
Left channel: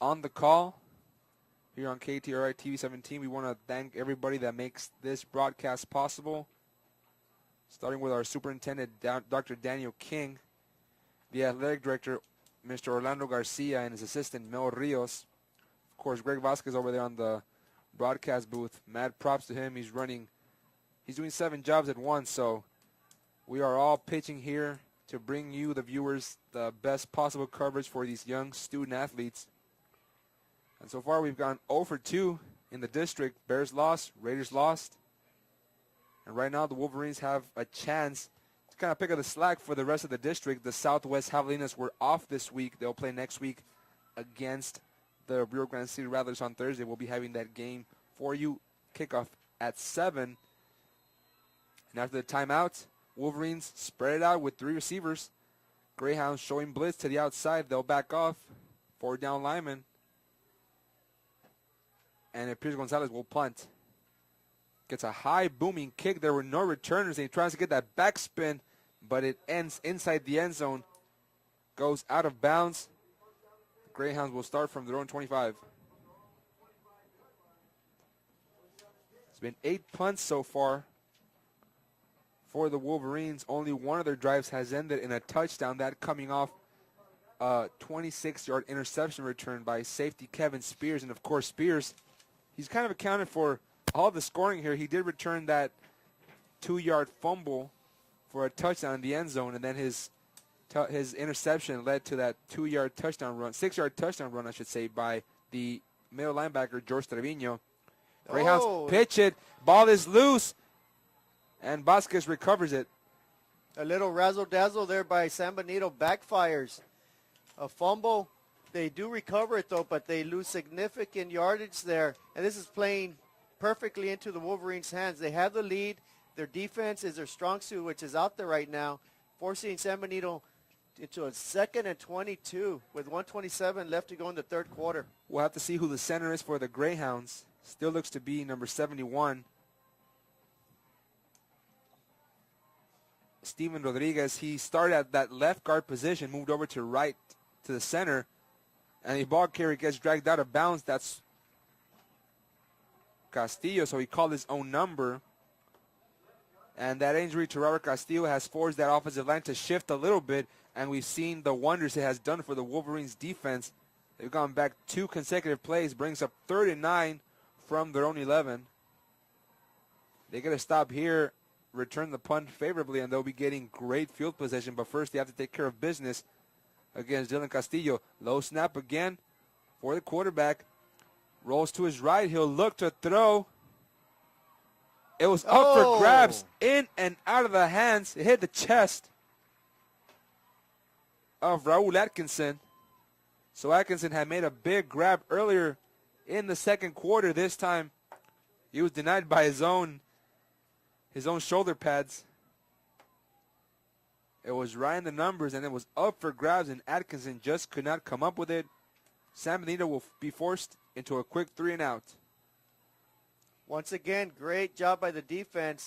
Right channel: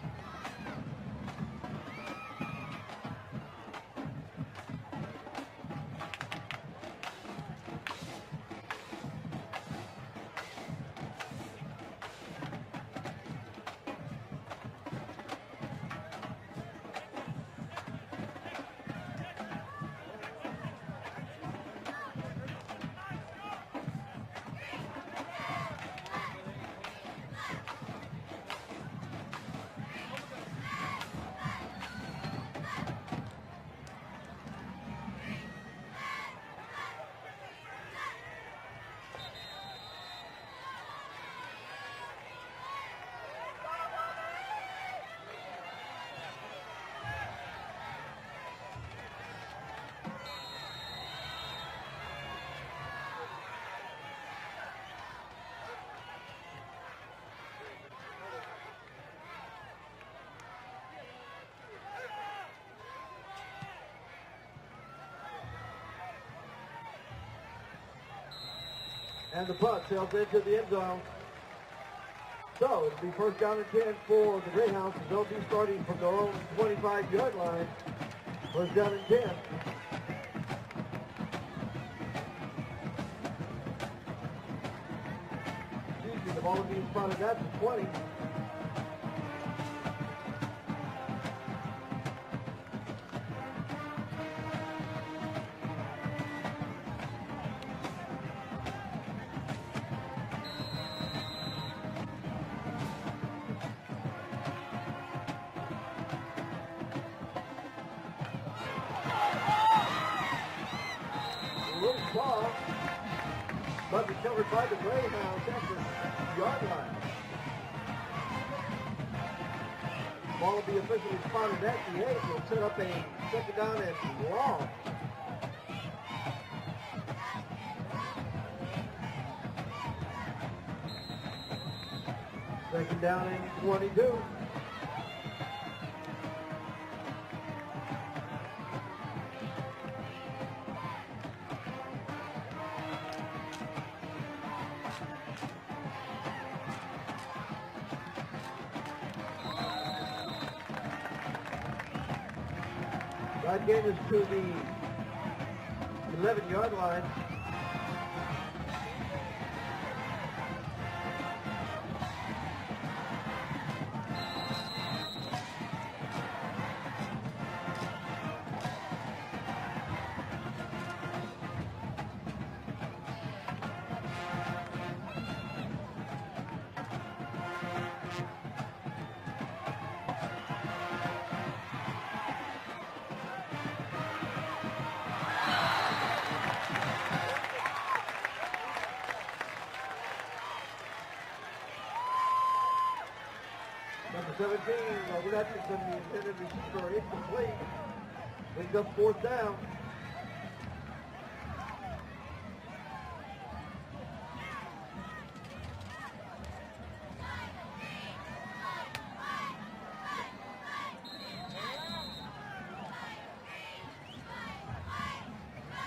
on the call. Here on KTRI TV 17, we want to thank everybody that makes this broadcast possible. Starting with our superintendent, Dr. Daniel King, the athletic director, Mr. Orlando Garcia, and his assistant, Noah Rios. Of course, Greg Vasquez over there on the broadcast booth. Mad props to him. He's doing 7 jobs at once, so we are all pitching here to bring you, the viewers, the best possible coverage for these young student athletes. So far, we've gone 0 for 2 in the district. Bears lost, Raiders lost. And right now, the Wolverines have a chance to kind of pick up the slack for the rest of the district. The Southwest Javelinas were off this week. They'll play next week against the Rio Grande City Rattlers on Thursday. We'll be having that game for you. Kickoff at 7. And after the timeout, Wolverines spread it out with 3 receivers. Greyhounds showing blitz to the outside. They'll back off. 4 down linemen. And Pierce Gonzalez will punt. Gets a high booming kick. There were no returners. He tries to get that backspin, but it ends inside the end zone. Goes out of bounds. Greyhounds will start from their own 25. Starting from their own 25-yard line. First down and 10. It's been 8 punts so far for the Wolverines. Only one of their drives has ended in a touchdown. That coming off a 26-yard interception return by safety Kevin Spears. And of course, Spears, he's kind of accounted for all the scoring here. He did return that 2-yard fumble for a touchdown in the end zone, and then his interception led to that 2-yard touchdown run, 6-yard touchdown run, I should say, by the middle linebacker, George Trevino. Greyhounds pitch it. Ball is loose. And Vasquez recovers it. A little razzle-dazzle there by San Benito backfires. A fumble. They do recover it, though, but they lose significant yardage there. And this is playing perfectly into the Wolverines' hands. They have the lead. Their defense is their strong suit, which is out there right now, forcing San Benito into a 2nd and 22 with 1:27 left to go in the 3rd quarter. We'll have to see who the center is for the Greyhounds. Still looks to be number 71. Steven Rodriguez, he started at that left guard position, moved over to right to the center, and the ball carrier gets dragged out of bounds. That's Castillo, so he called his own number. And that injury to Robert Castillo has forced that offensive line to shift a little bit, and we've seen the wonders it has done for the Wolverines defense. They've gone back 2 consecutive plays, brings up 39 from their own 11. They get a stop here, return the punt favorably, and they'll be getting great field possession, but first they have to take care of business against Dylan Castillo. Low snap again for the quarterback. Rolls to his right, he'll look to throw. It was up for grabs, in and out of the hands. It hit the chest of Raul Atkinson. So Atkinson had made a big grab earlier in the 2nd quarter. This time he was denied by his own shoulder pads. It was right in the numbers, and it was up for grabs, and Atkinson just could not come up with it. San Benito will be forced into a quick 3-and-out. Once again, great job by the defense,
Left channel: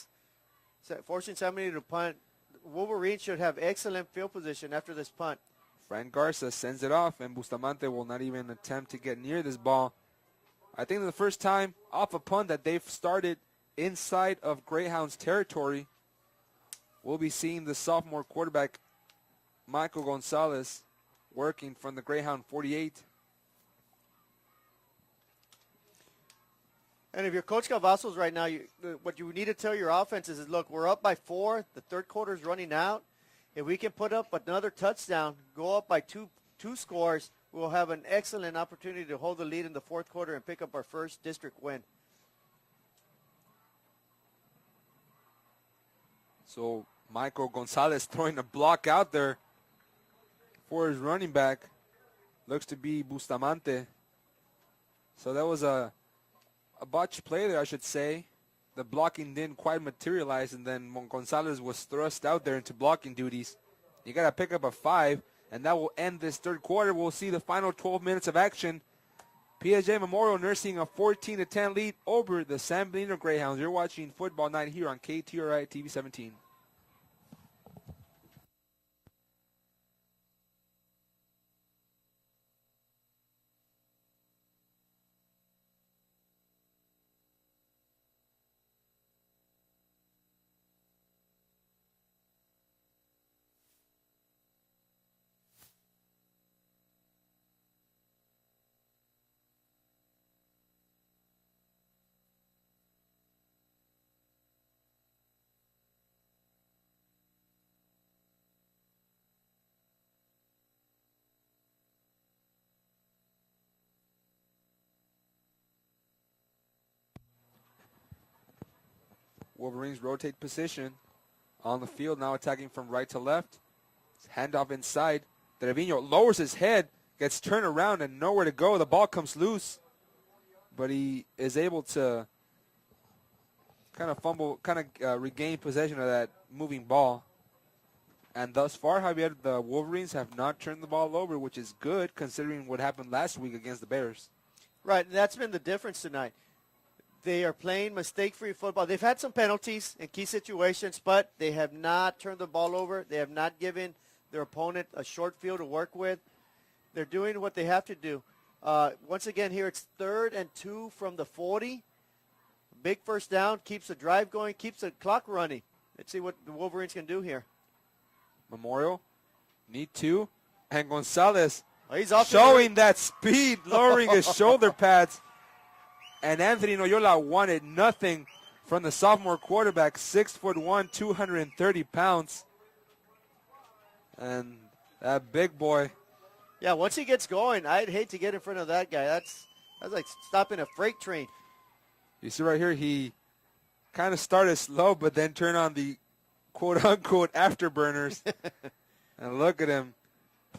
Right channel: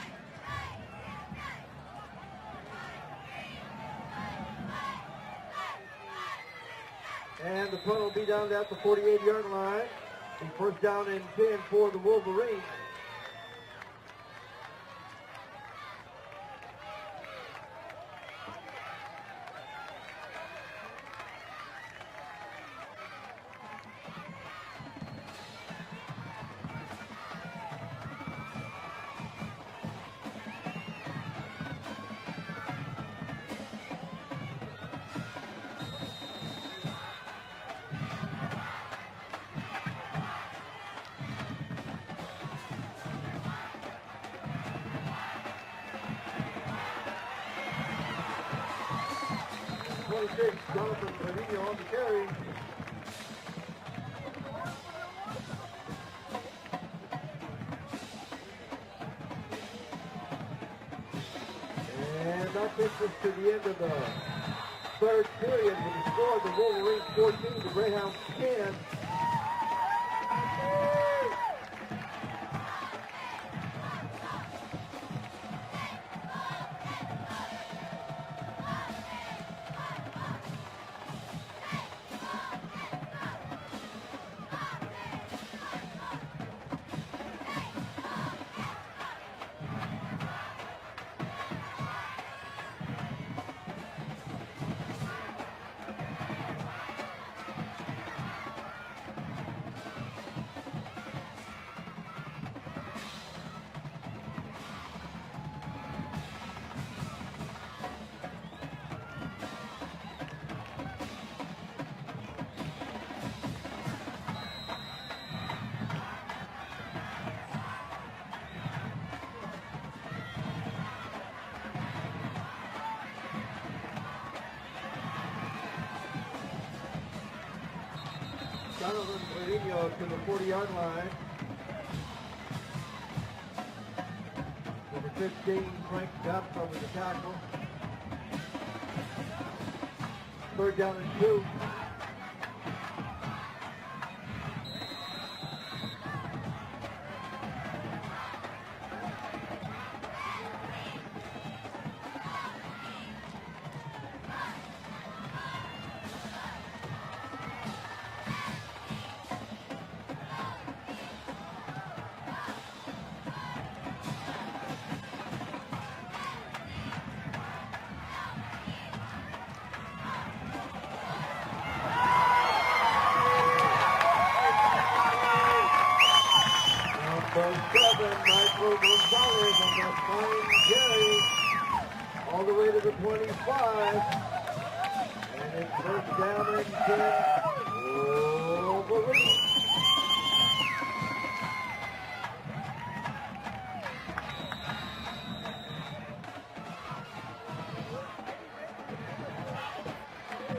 forcing San Benito to punt. Wolverines should have excellent field position after this punt. Frank Garza sends it off, and Bustamante will not even attempt to get near this ball. I think the first time off a punt that they've started inside of Greyhounds territory. We'll be seeing the sophomore quarterback, Michael Gonzalez, working from the Greyhound 48. And if you're Coach Cavazos right now, what you need to tell your offense is, look, we're up by 4. The 3rd quarter is running out. If we can put up another touchdown, go up by two scores, we'll have an excellent opportunity to hold the lead in the 4th quarter and pick up our first district win. So Michael Gonzalez throwing a block out there for his running back. Looks to be Bustamante. So that was a botched play there, I should say. the blocking didn't quite materialize, and then Gonzalez was thrust out there to blocking duties. He got to pick up a 5, and that will end this third quarter. We'll see the final 12 minutes of action. PSJA Memorial nursing a 14-10 lead over the San Benito Greyhounds. You're watching Football Night here on KTRI TV 17. Wolverines rotate position on the field, now attacking from right to left. Handoff inside. Trevino lowers his head, gets turned around and nowhere to go. The ball comes loose, but he is able to kind of regain possession of that moving ball. And thus far, Javier, the Wolverines have not turned the ball over, which is good considering what happened last week against the Bears. Right, that's been the difference tonight. They are playing mistake-free football. They've had some penalties in key situations, but they have not turned the ball over. They have not given their opponent a short field to work with. They're doing what they have to do. Once again, here it's 3rd and 2 from the 40. Big first down, keeps the drive going, keeps the clock running. Let's see what the Wolverines can do here. Memorial need 2, and Gonzalez He's off showing that speed, lowering his shoulder pads. And Anthony Noyola wanted nothing from the sophomore quarterback, 6'1", 230 pounds. All the way to the 25. And that big boy. Yeah, once he gets going, I'd hate to get in front of that guy. That's like stopping a freight train. You see right here, he kind of started slow, but then turned on the quote-unquote afterburners. And look at him,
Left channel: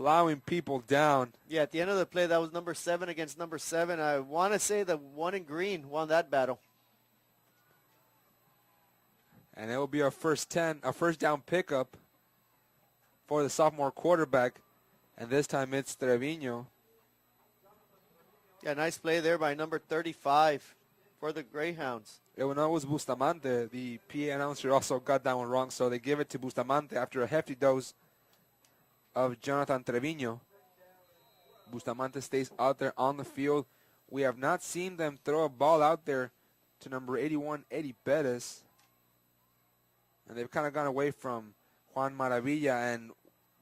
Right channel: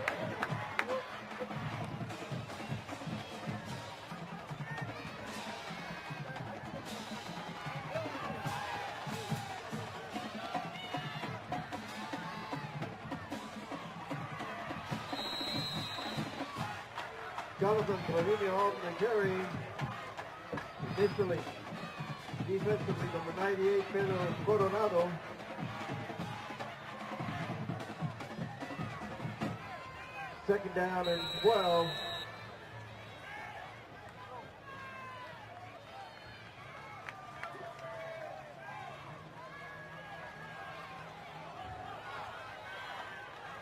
plowing people down. Yeah, at the end of the play, that was number 7 against number 7. I want to say the one in green won that battle. And it will be a first down pickup for the sophomore quarterback. And this time it's Trevino. Yeah, nice play there by number 35 for the Greyhounds. It was Bustamante. The announcer also got that one wrong, so they give it to Bustamante after a hefty dose of Jonathan Trevino. 2nd down and 12. Bustamante stays out there on the field. We have not seen them throw a ball out there to number 81, Eddie Perez. And they've kind of gone away from Juan Maravilla, and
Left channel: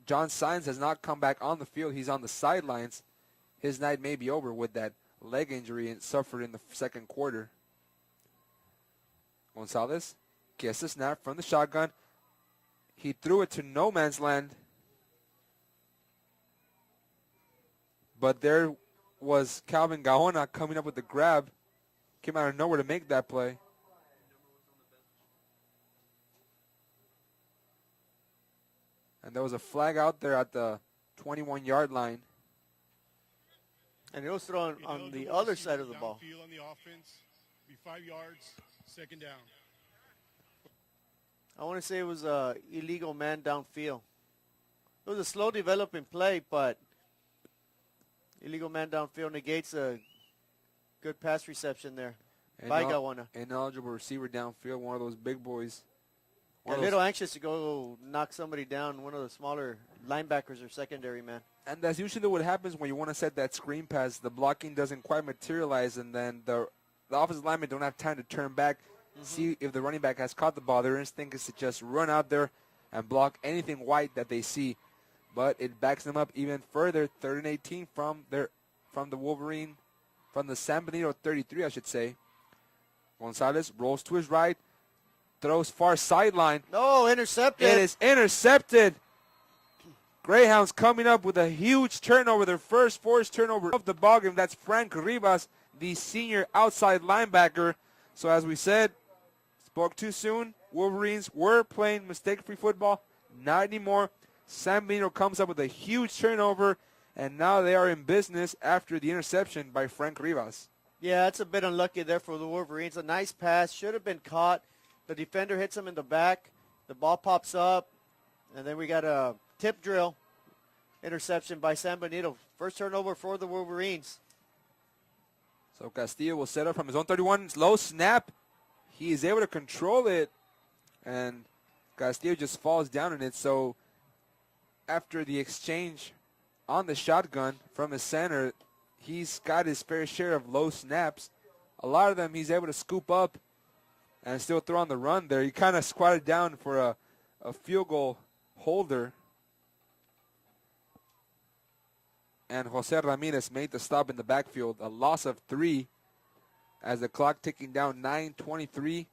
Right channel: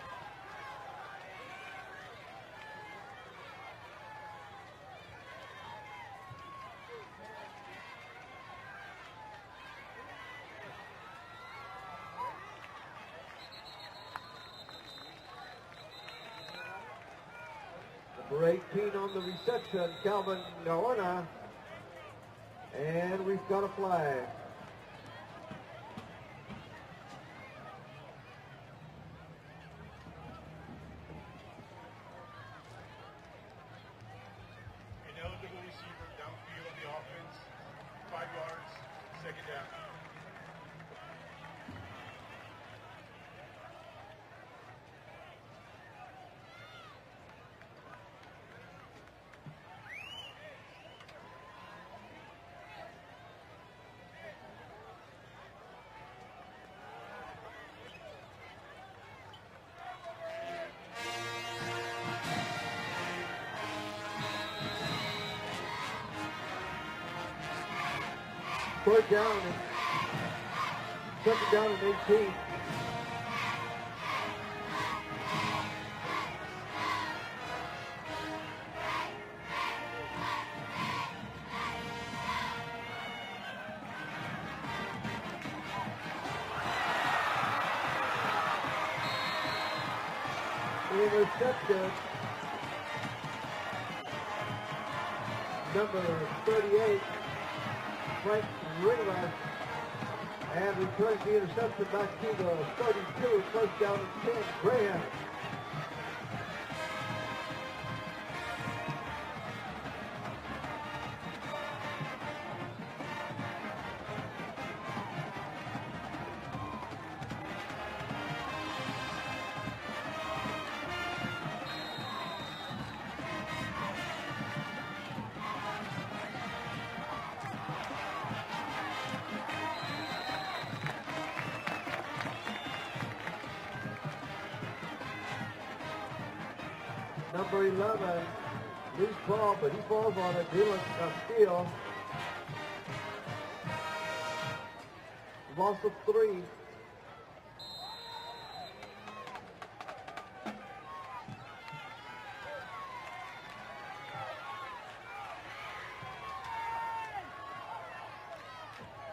John Sainz has not come back on the field. He's on the sidelines. His night may be over with that leg injury and suffered in the second quarter. Gonzalez gets the snap from the shotgun. He threw it to no man's land. But there was Calvin Gaona coming up with the grab. Came out of nowhere to make that play. And there was a flag out there at the 21-yard line. And it was thrown on the other side of the ball. I want to say it was an illegal man downfield. It was a slow developing play, but illegal man downfield negates a good pass reception there by Gawana. Ineligible receiver downfield, one of those big boys. A little anxious to go knock somebody down, one of the smaller linebackers or secondary. And that's usually what happens when you want to set that screen pass. The blocking doesn't quite materialize, and then the offensive linemen don't have time to turn back, see if the running back has caught the ball. Their instinct is to just run out there and block anything white that they see. But it backs them up even further. 3rd and 18 from the Wolverine, from the San Benito 33, I should say. Gonzalez rolls to his right, throws far sideline. Oh, intercepted. It is intercepted. Greyhounds coming up with a huge turnover, their first forced turnover of the ball game. That's Frank Rivas, the senior outside linebacker. So as we said, spoke too soon. Wolverines were playing mistake-free football. Not anymore. San Benito comes up with a huge turnover, and now they are in business after the interception by Frank Rivas. Yeah, it's a bit unlucky there for the Wolverines. A nice pass, should have been caught. The defender hits him in the back. The ball pops up, and then we got a tip drill interception by San Benito. First turnover for the Wolverines. Castillo will set up from his own 31. Low snap. He is able to control it, and Castillo just falls down in it. So after the exchange on the shotgun from the center, he's got his fair share of low snaps. A lot of them he's able to scoop up and still throw on the run there. He kind of squatted down for a field goal holder. And Jose Ramirez made the stop in the backfield. A loss of 3 as the clock ticking down, 9:23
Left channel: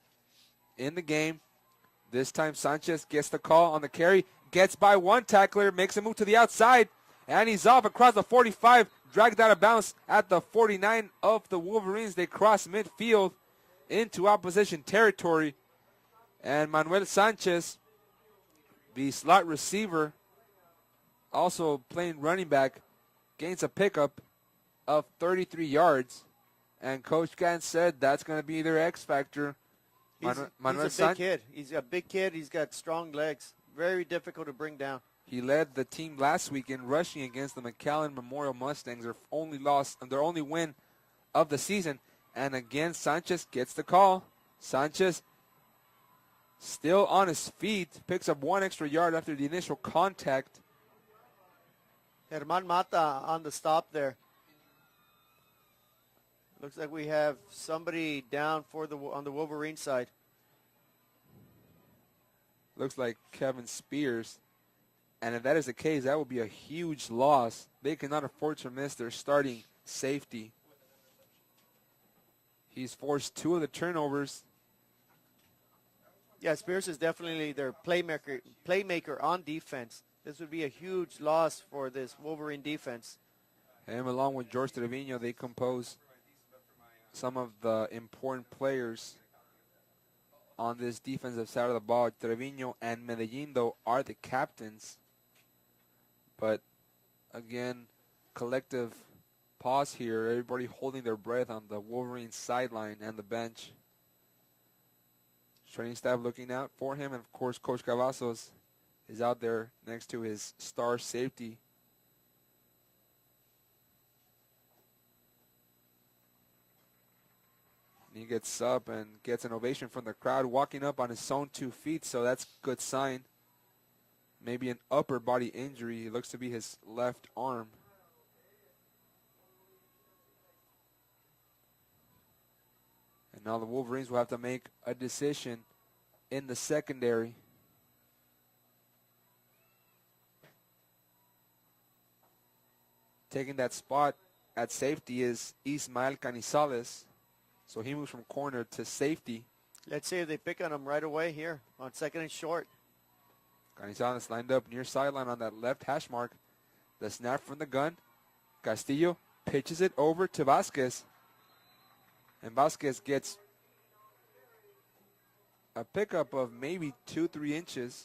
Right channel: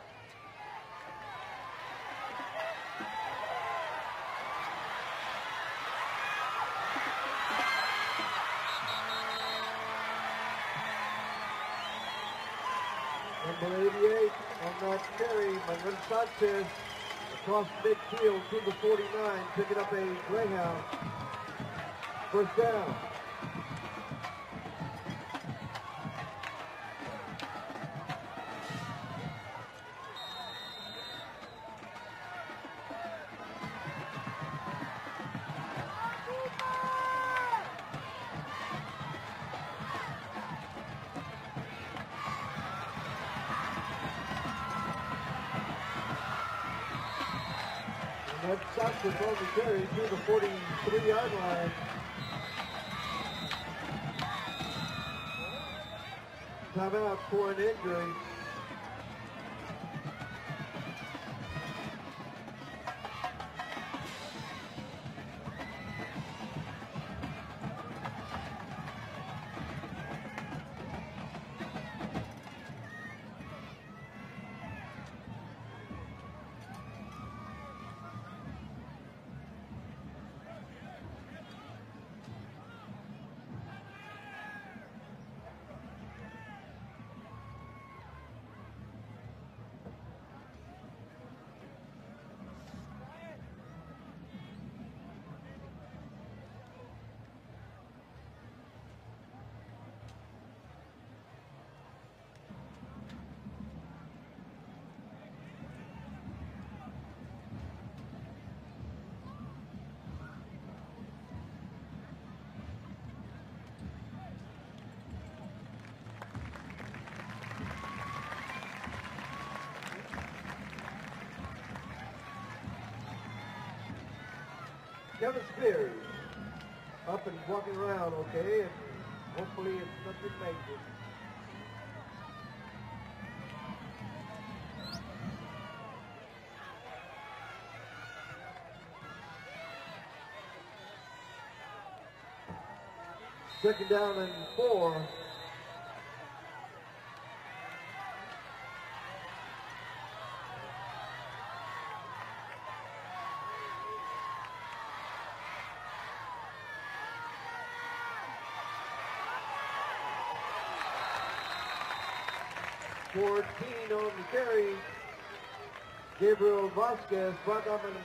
in the game. This time Sanchez gets the call on the carry, gets by one tackler, makes a move to the outside, and he's off across the 45, dragged out of bounds at the 49 of the Wolverines. They cross midfield into opposition territory, and Manuel Sanchez, the slot receiver, also playing running back, gains a pickup of 33 yards. And Coach Gant said that's going to be their X factor. He's a big kid. He's got a big kid. He's got strong legs. Very difficult to bring down. He led the team last week in rushing against the McAllen Memorial Mustangs, their only win of the season. And again, Sanchez gets the call. Sanchez still on his feet, picks up 1 extra yard after the initial contact. Herman Mata on the stop there. Looks like we have somebody down on the Wolverine side. Looks like Kevin Spears. And if that is the case, that would be a huge loss. They cannot afford to miss their starting safety. He's forced 2 of the turnovers. Yeah, Spears is definitely their playmaker on defense. This would be a huge loss for this Wolverine defense. And along with George Trevino, they compose some of the important players on this defensive side of the ball. Trevino and Medellin, though, are the captains. But again, collective pause here. Everybody holding their breath on the Wolverine sideline and the bench. Training staff looking out for him, and of course, Coach Cavazos is out there next to his star safety. He gets up and gets an ovation from the crowd, walking up on his own 2 feet, so that's a good sign. Maybe an upper body injury. It looks to be his left arm. Around, okay? Hopefully it's nothing major. Now the Wolverines will have to make a decision in the secondary. Taking that spot at safety is Ismael Canizales. So he moves from corner to safety. Let's see if they pick on him right away here on 2nd and short. Canizales lined up near sideline on that left hash mark. The snap from the gun. Castillo pitches it over to Vasquez. And Vasquez gets a pickup of maybe 2-3 inches.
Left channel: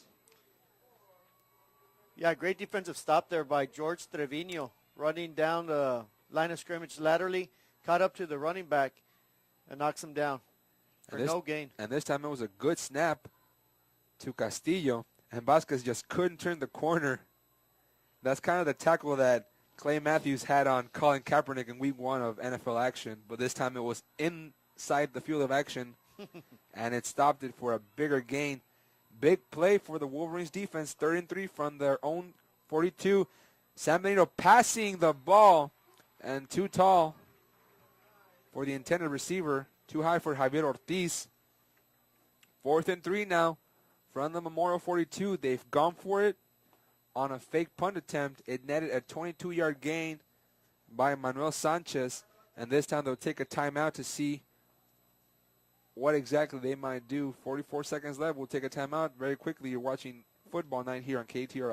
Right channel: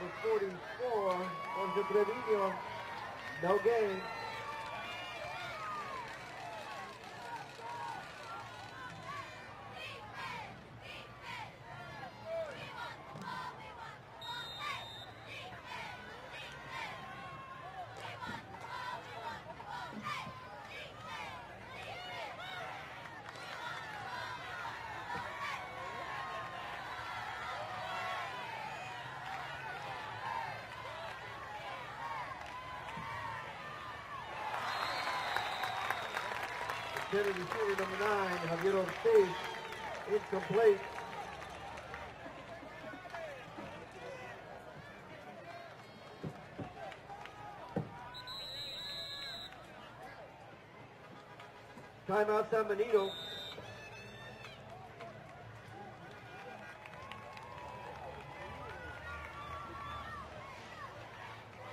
Yeah, great defensive stop there by George Trevino, running down the line of scrimmage laterally, caught up to the running back, and knocks him down for no gain. And this time it was a good snap to Castillo, and Vasquez just couldn't turn the corner. That's kind of the tackle that Clay Matthews had on Colin Kaepernick in week 1 of NFL action, but this time it was inside the field of action, and it stopped it for a bigger gain. Big play for the Wolverines defense, 3rd and 3 from their own 42. San Benito passing the ball, and too tall for the intended receiver, too high for Javier Ortiz. 4th and 3 now from the Memorial 42. They've gone for it on a fake punt attempt. It netted a 22-yard gain by Manuel Sanchez. And this time they'll take a timeout to see what exactly they might do. 44 seconds left. We'll take a timeout very quickly. You're watching Football Night here on KTRI.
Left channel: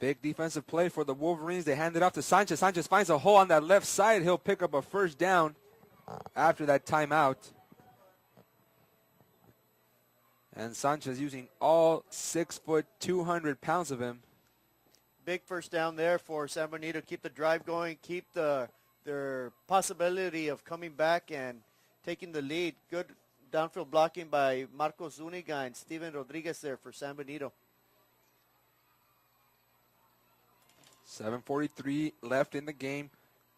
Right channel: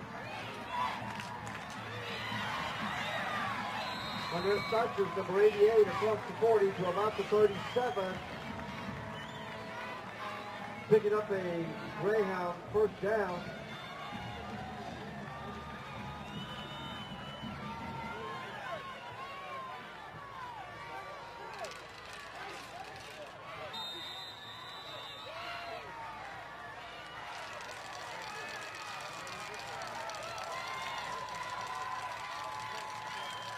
Big defensive play for the Wolverines. They hand it off to Sanchez. Sanchez finds a hole on that left side. He'll pick up a first down after that timeout. And Sanchez using all 6 foot, 200 pounds of him. Big first down there for San Benito. Keep the drive going. Keep their possibility of coming back and taking the lead. Good downfield blocking by Marcos Zuniga and Steven Rodriguez there for San Benito. 7:43 left in the game.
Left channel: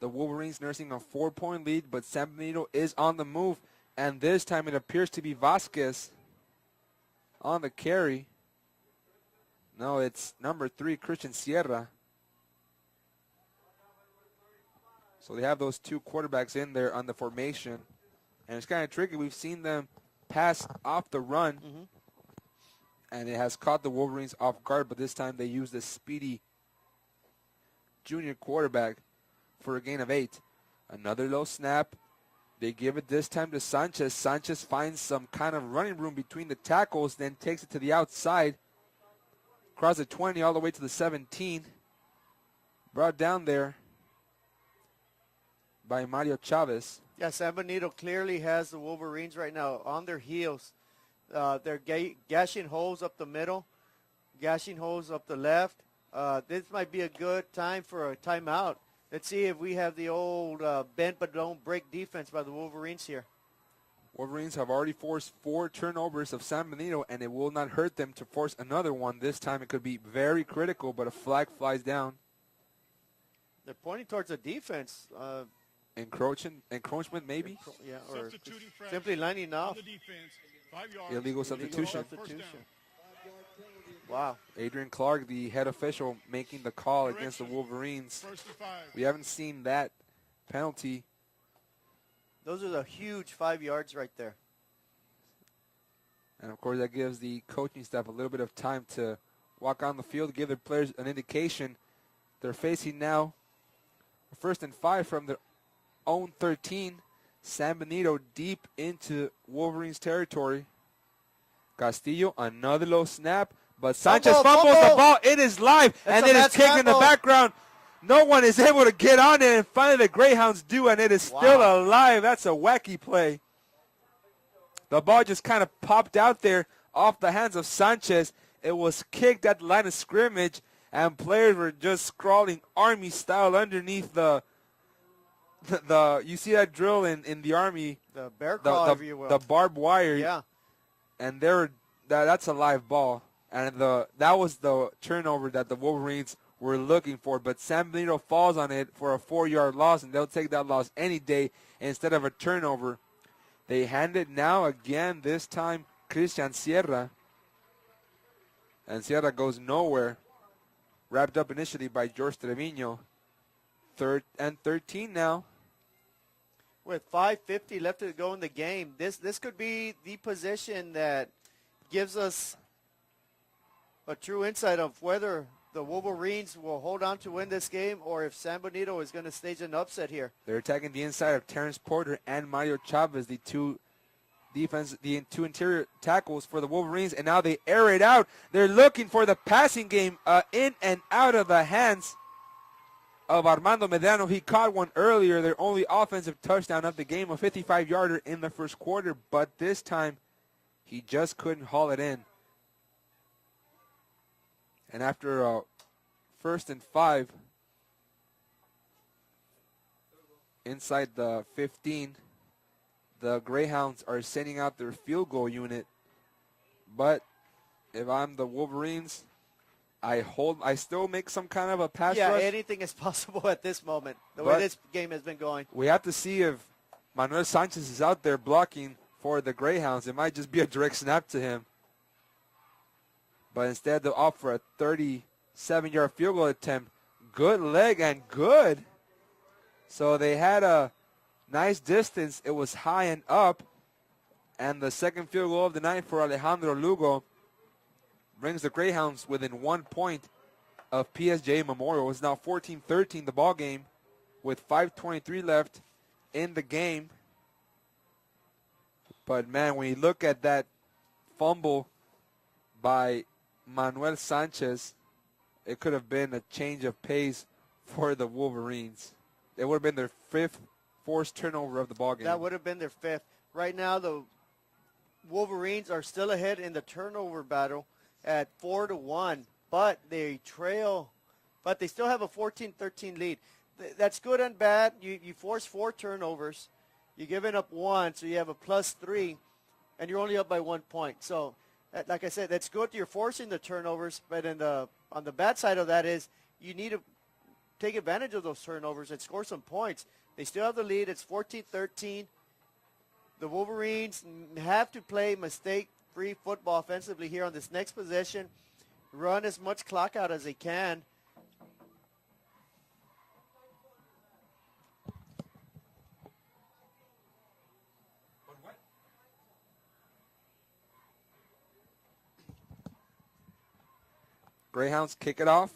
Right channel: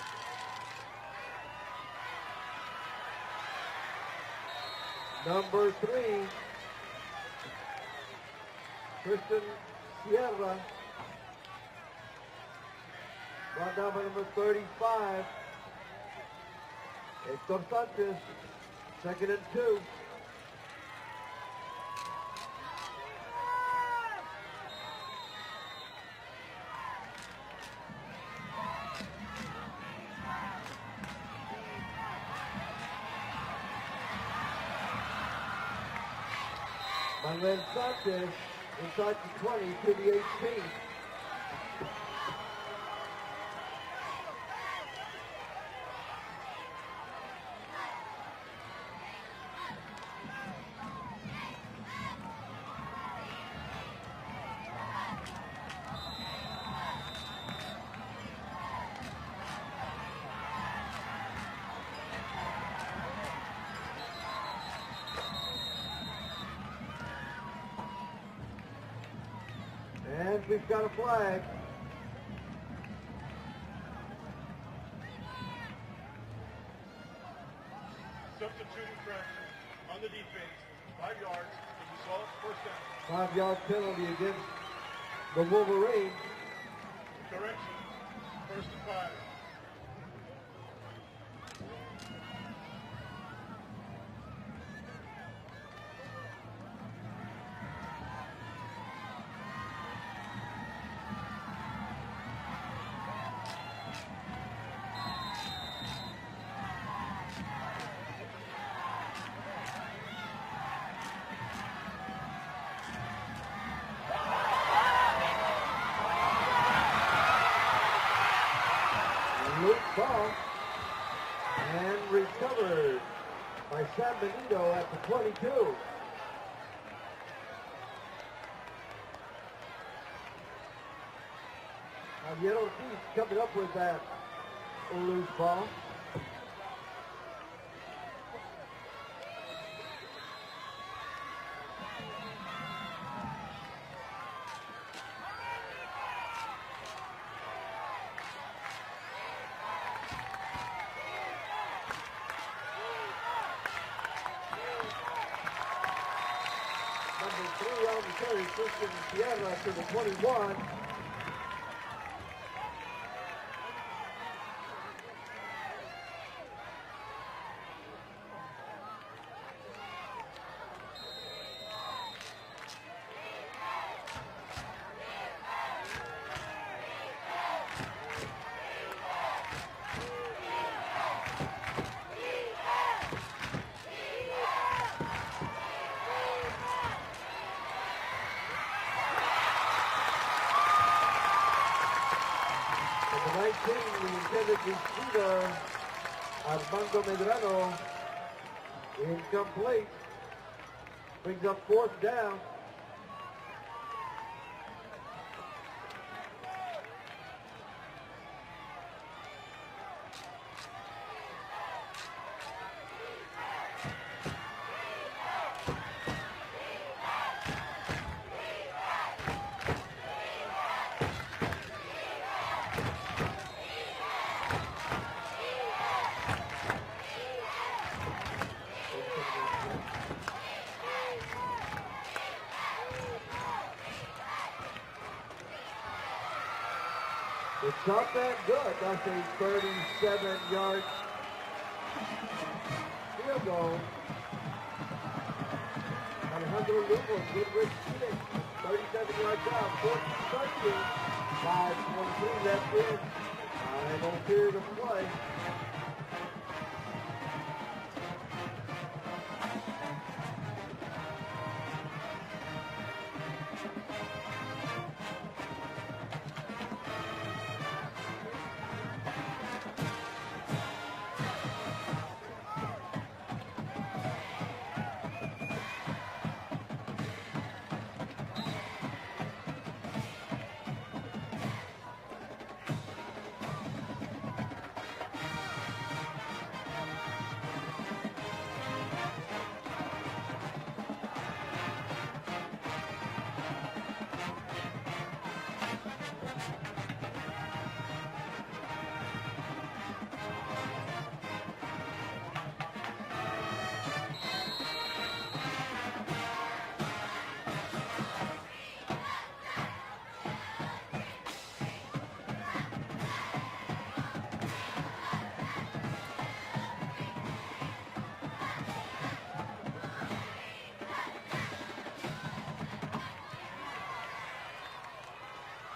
The Wolverines nursing a 4-point lead, but San Benito is on the move. And this time it appears to be Vasquez on the carry. No, it's number 3, Christian Sierra. Number 35. So they have those 2 quarterbacks in there on the formation. And it's kind of tricky. We've seen them pass off the run. And it has caught the Wolverines off guard, but this time they use the speedy junior quarterback for a gain of 8. Another low snap. They give it this time to Sanchez. Sanchez finds some kind of running room between the tackles, then takes it to the outside. Across the 20 all the way to the 17. Brought down there by Mario Chavez. Yeah, San Benito clearly has the Wolverines right now on their heels. They're gashing holes up the middle, gashing holes up the left. This might be a good time for a timeout. Let's see if we have the old bend but don't break defense by the Wolverines here. Wolverines have already forced 4 turnovers of San Benito, and it will not hurt them to force another one. This time it could be very critical, but a flag flies down. They're pointing towards the defense. Encroachment maybe? Yeah, or simply lining off. Illegal substitution. 5-yard penalty. Wow. Adrian Clark, the head official, making the call against the Wolverines. We haven't seen that penalty. Those are the huge 5 yards right there. And of course that gives the coaching staff a little bit of time to walk on the field, give the players an indication. They're facing now 1st and 5 from their own 13. San Benito deep into Wolverines territory. Castillo, another low snap, but Sanchez fumbles the ball. It is live, and it is kicked in the background. No one is able to get on it, and finally the Greyhounds do, and it is still alive. That's a wacky play. The ball just kind of popped out there off the hands of Sanchez. It was kicked at the line of scrimmage, and players were just scrawling Army style underneath the you see that drill in the Army, the barbed wire. Yeah. And that's a live ball, and that was the turnover that the Wolverines were looking for. But San Benito falls on it for a 4-yard loss, and they'll take that loss any day instead of a turnover. They hand it now again. This time, Christian Sierra, and Sierra goes nowhere. Wrapped up initially by George Trevino. 3rd and 13 now. With 5:50 left to go in the game, this could be the position that gives us a true insight of whether the Wolverines will hold on to win this game or if San Benito is going to stage an upset here. They're attacking the inside of Terrence Porter and Mario Chavez, the 2 interior tackles for the Wolverines, and now they air it out. They're looking for the passing game in and out of the hands of Armando Medrano. He caught one earlier, their only offensive touchdown of the game, a 55-yarder in the 1st quarter, but this time he just couldn't haul it in. And after 1st and 5, inside the 15, the Greyhounds are sending out their field goal unit. But if I'm the Wolverines, I still make some kind of a pass Yeah, rush. anything is possible at this moment, the way this game has been going. We have to see if Manuel Sanchez is out there blocking for the Greyhounds. It might just be a direct snap to him. But instead they'll opt for a 37-yard field goal attempt. Good leg and good. So they had a nice distance. It was high and up. And the 2nd field goal of the night for Alejandro Lugo brings the Greyhounds within 1 point of PSJA Memorial. It's now 14-13 the ball game with 5:23 left in the game. But man, when you look at that fumble by Manuel Sanchez, it could have been a change of pace for the Wolverines. It would have been their 5th forced turnover of the ball game. That would have been their 5th. Right now, the Wolverines are still ahead in the turnover battle at 4-1, but they trail, but they still have a 14-13 lead. That's good and bad. You force 4 turnovers. You're giving up 1, so you have a +3, and you're only up by 1 point. So, like I said, that's good. You're forcing the turnovers, but on the bad side of that is you need to take advantage of those turnovers and score some points. They still have the lead. It's 14-13. The Wolverines have to play mistake-free football offensively here on this next possession. Run as much clock out as they can. Greyhounds kick it off.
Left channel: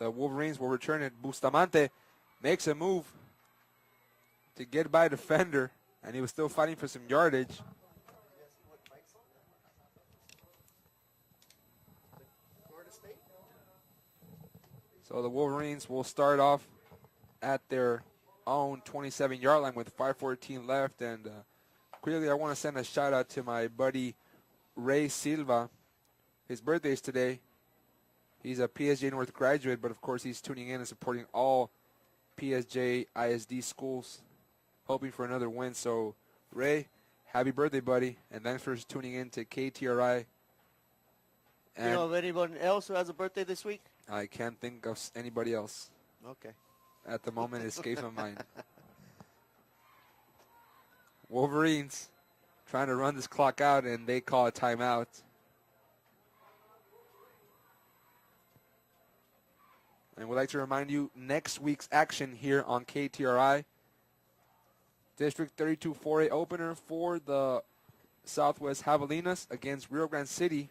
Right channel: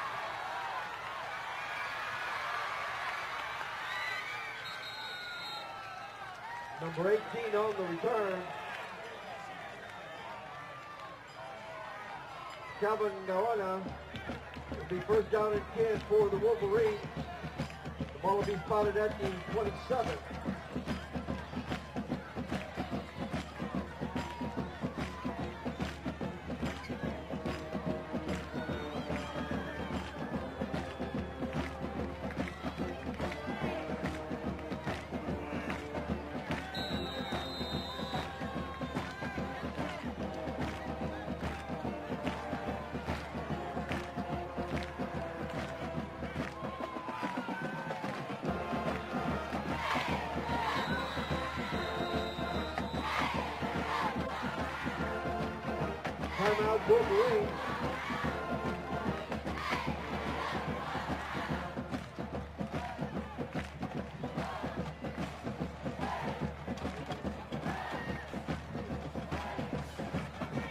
The Wolverines will return it. Bustamante makes a move to get by a defender, and he was still fighting for some yardage. On the return. Calvin Noana. So the Wolverines will start off at their own 27-yard line with 5:14 left. And clearly I want to send a shout out to my buddy Ray Silva. His birthday is today. He's a PSJA North graduate, but of course he's tuning in and supporting all PSJA ISD schools, hoping for another win. So Ray, happy birthday, buddy, and thanks for tuning in to KTRI. You know of anyone else who has a birthday this week? I can't think of anybody else. At the moment, it escapes my mind. Wolverines trying to run this clock out, and they call a timeout. Timeout, Wolverines. I'd like to remind you next week's action here on KTRI. District 32 4A opener for the Southwest Javelinas against Rio Grande City.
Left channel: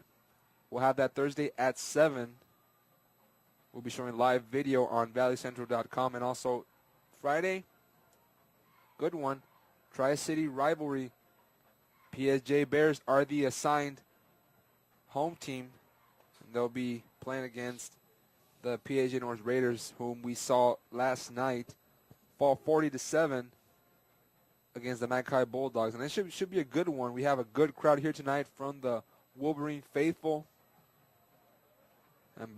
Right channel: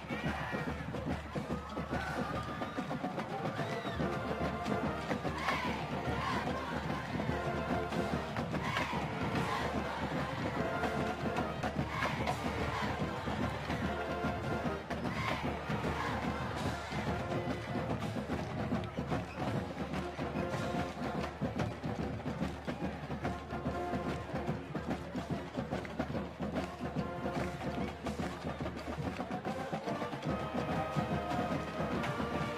We'll have that Thursday at 7. We'll be showing live video on valleycenter.com, and also Friday, good one, Tri-City rivalry. PSJ Bears are the assigned home team. They'll be playing against the PSJ North Raiders, who we saw last night fall 40-7 against the Mackay Bulldogs. And it should be a good one. We have a good crowd here tonight from the Wolverine faithful.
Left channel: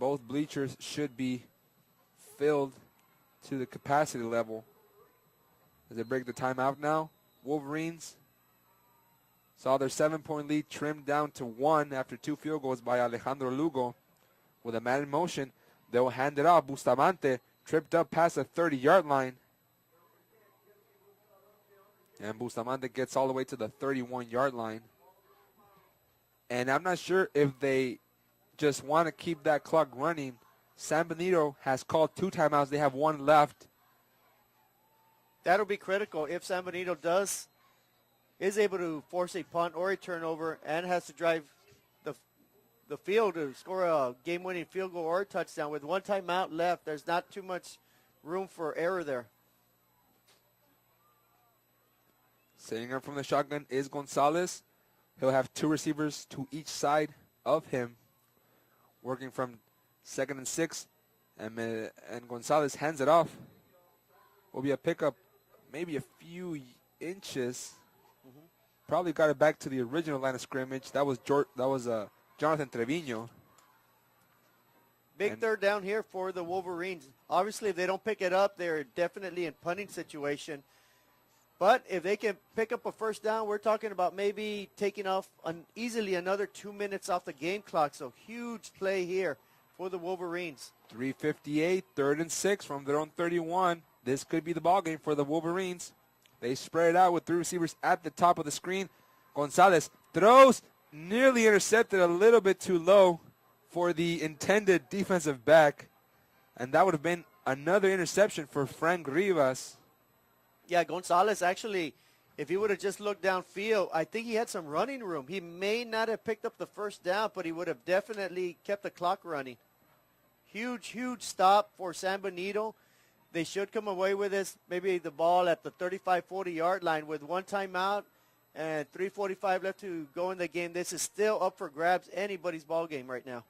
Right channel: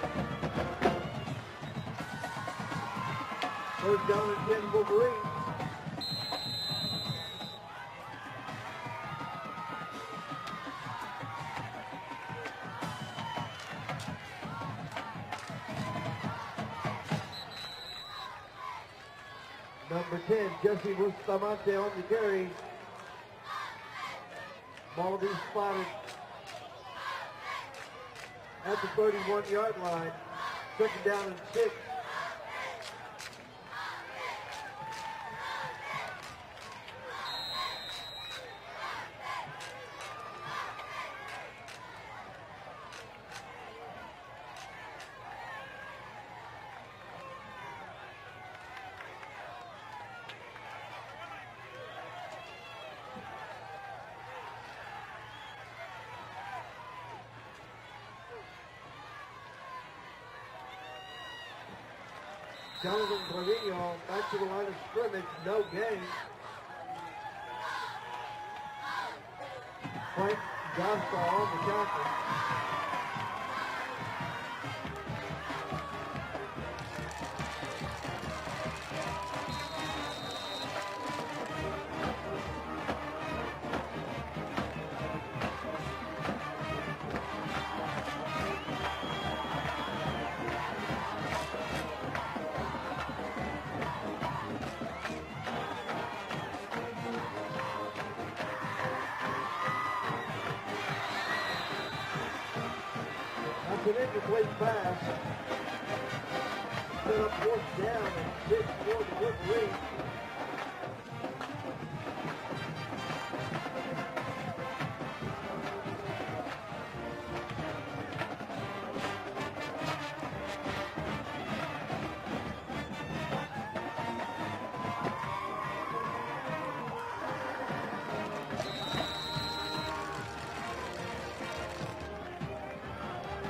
Both bleachers should be filled to the capacity level. They break the timeout now. Wolverines saw their 7-point lead trimmed down to 1 after 2 field goals by Alejandro Lugo. With a man in motion, they'll hand it off. Bustamante tripped up past the 30-yard line. Number 10, Jesse Bustamante on the carry. And Bustamante gets all the way to the 31-yard line. Ball being spotted. And I'm not sure if they just want to keep that clock running. San Benito has called 2 timeouts. They have 1 left. That'll be critical if San Benito is able to force a punt or a turnover and has to drive the field to score a game-winning field goal or a touchdown. With 1 timeout left, there's not too much room for error there. Setting up from the shotgun is Gonzalez. He'll have 2 receivers to each side of him, working from 2nd and 6. And Gonzalez hands it off. Will be a pickup, maybe a few inches. Probably got it back to the original line of scrimmage. That was Jonathan Trevino. Big third down here for the Wolverines. Obviously, if they don't pick it up, they're definitely in punting situation. But if they can pick up a first down, we're talking about maybe taking off easily another 2 minutes off the game clock. So huge play here for the Wolverines. 3:58, 3rd and 6 from their own 31. This could be the ball game for the Wolverines. They spread it out with 3 receivers at the top of the screen. Gonzalez throws, nearly intercepted, a little bit too low for the intended defensive back. And that would have been another interception for Frank Rivas. Yeah, Gonzalez actually, if he would have just looked downfield, I think he had some running room. He may not have picked up the first down, but he would have definitely kept the clock running. Huge stop for San Benito. They should come away with this, maybe the ball at the 35-40-yard line with 1 timeout and 3:45 left to go in the game. This is still up for grabs, anybody's ball game right now.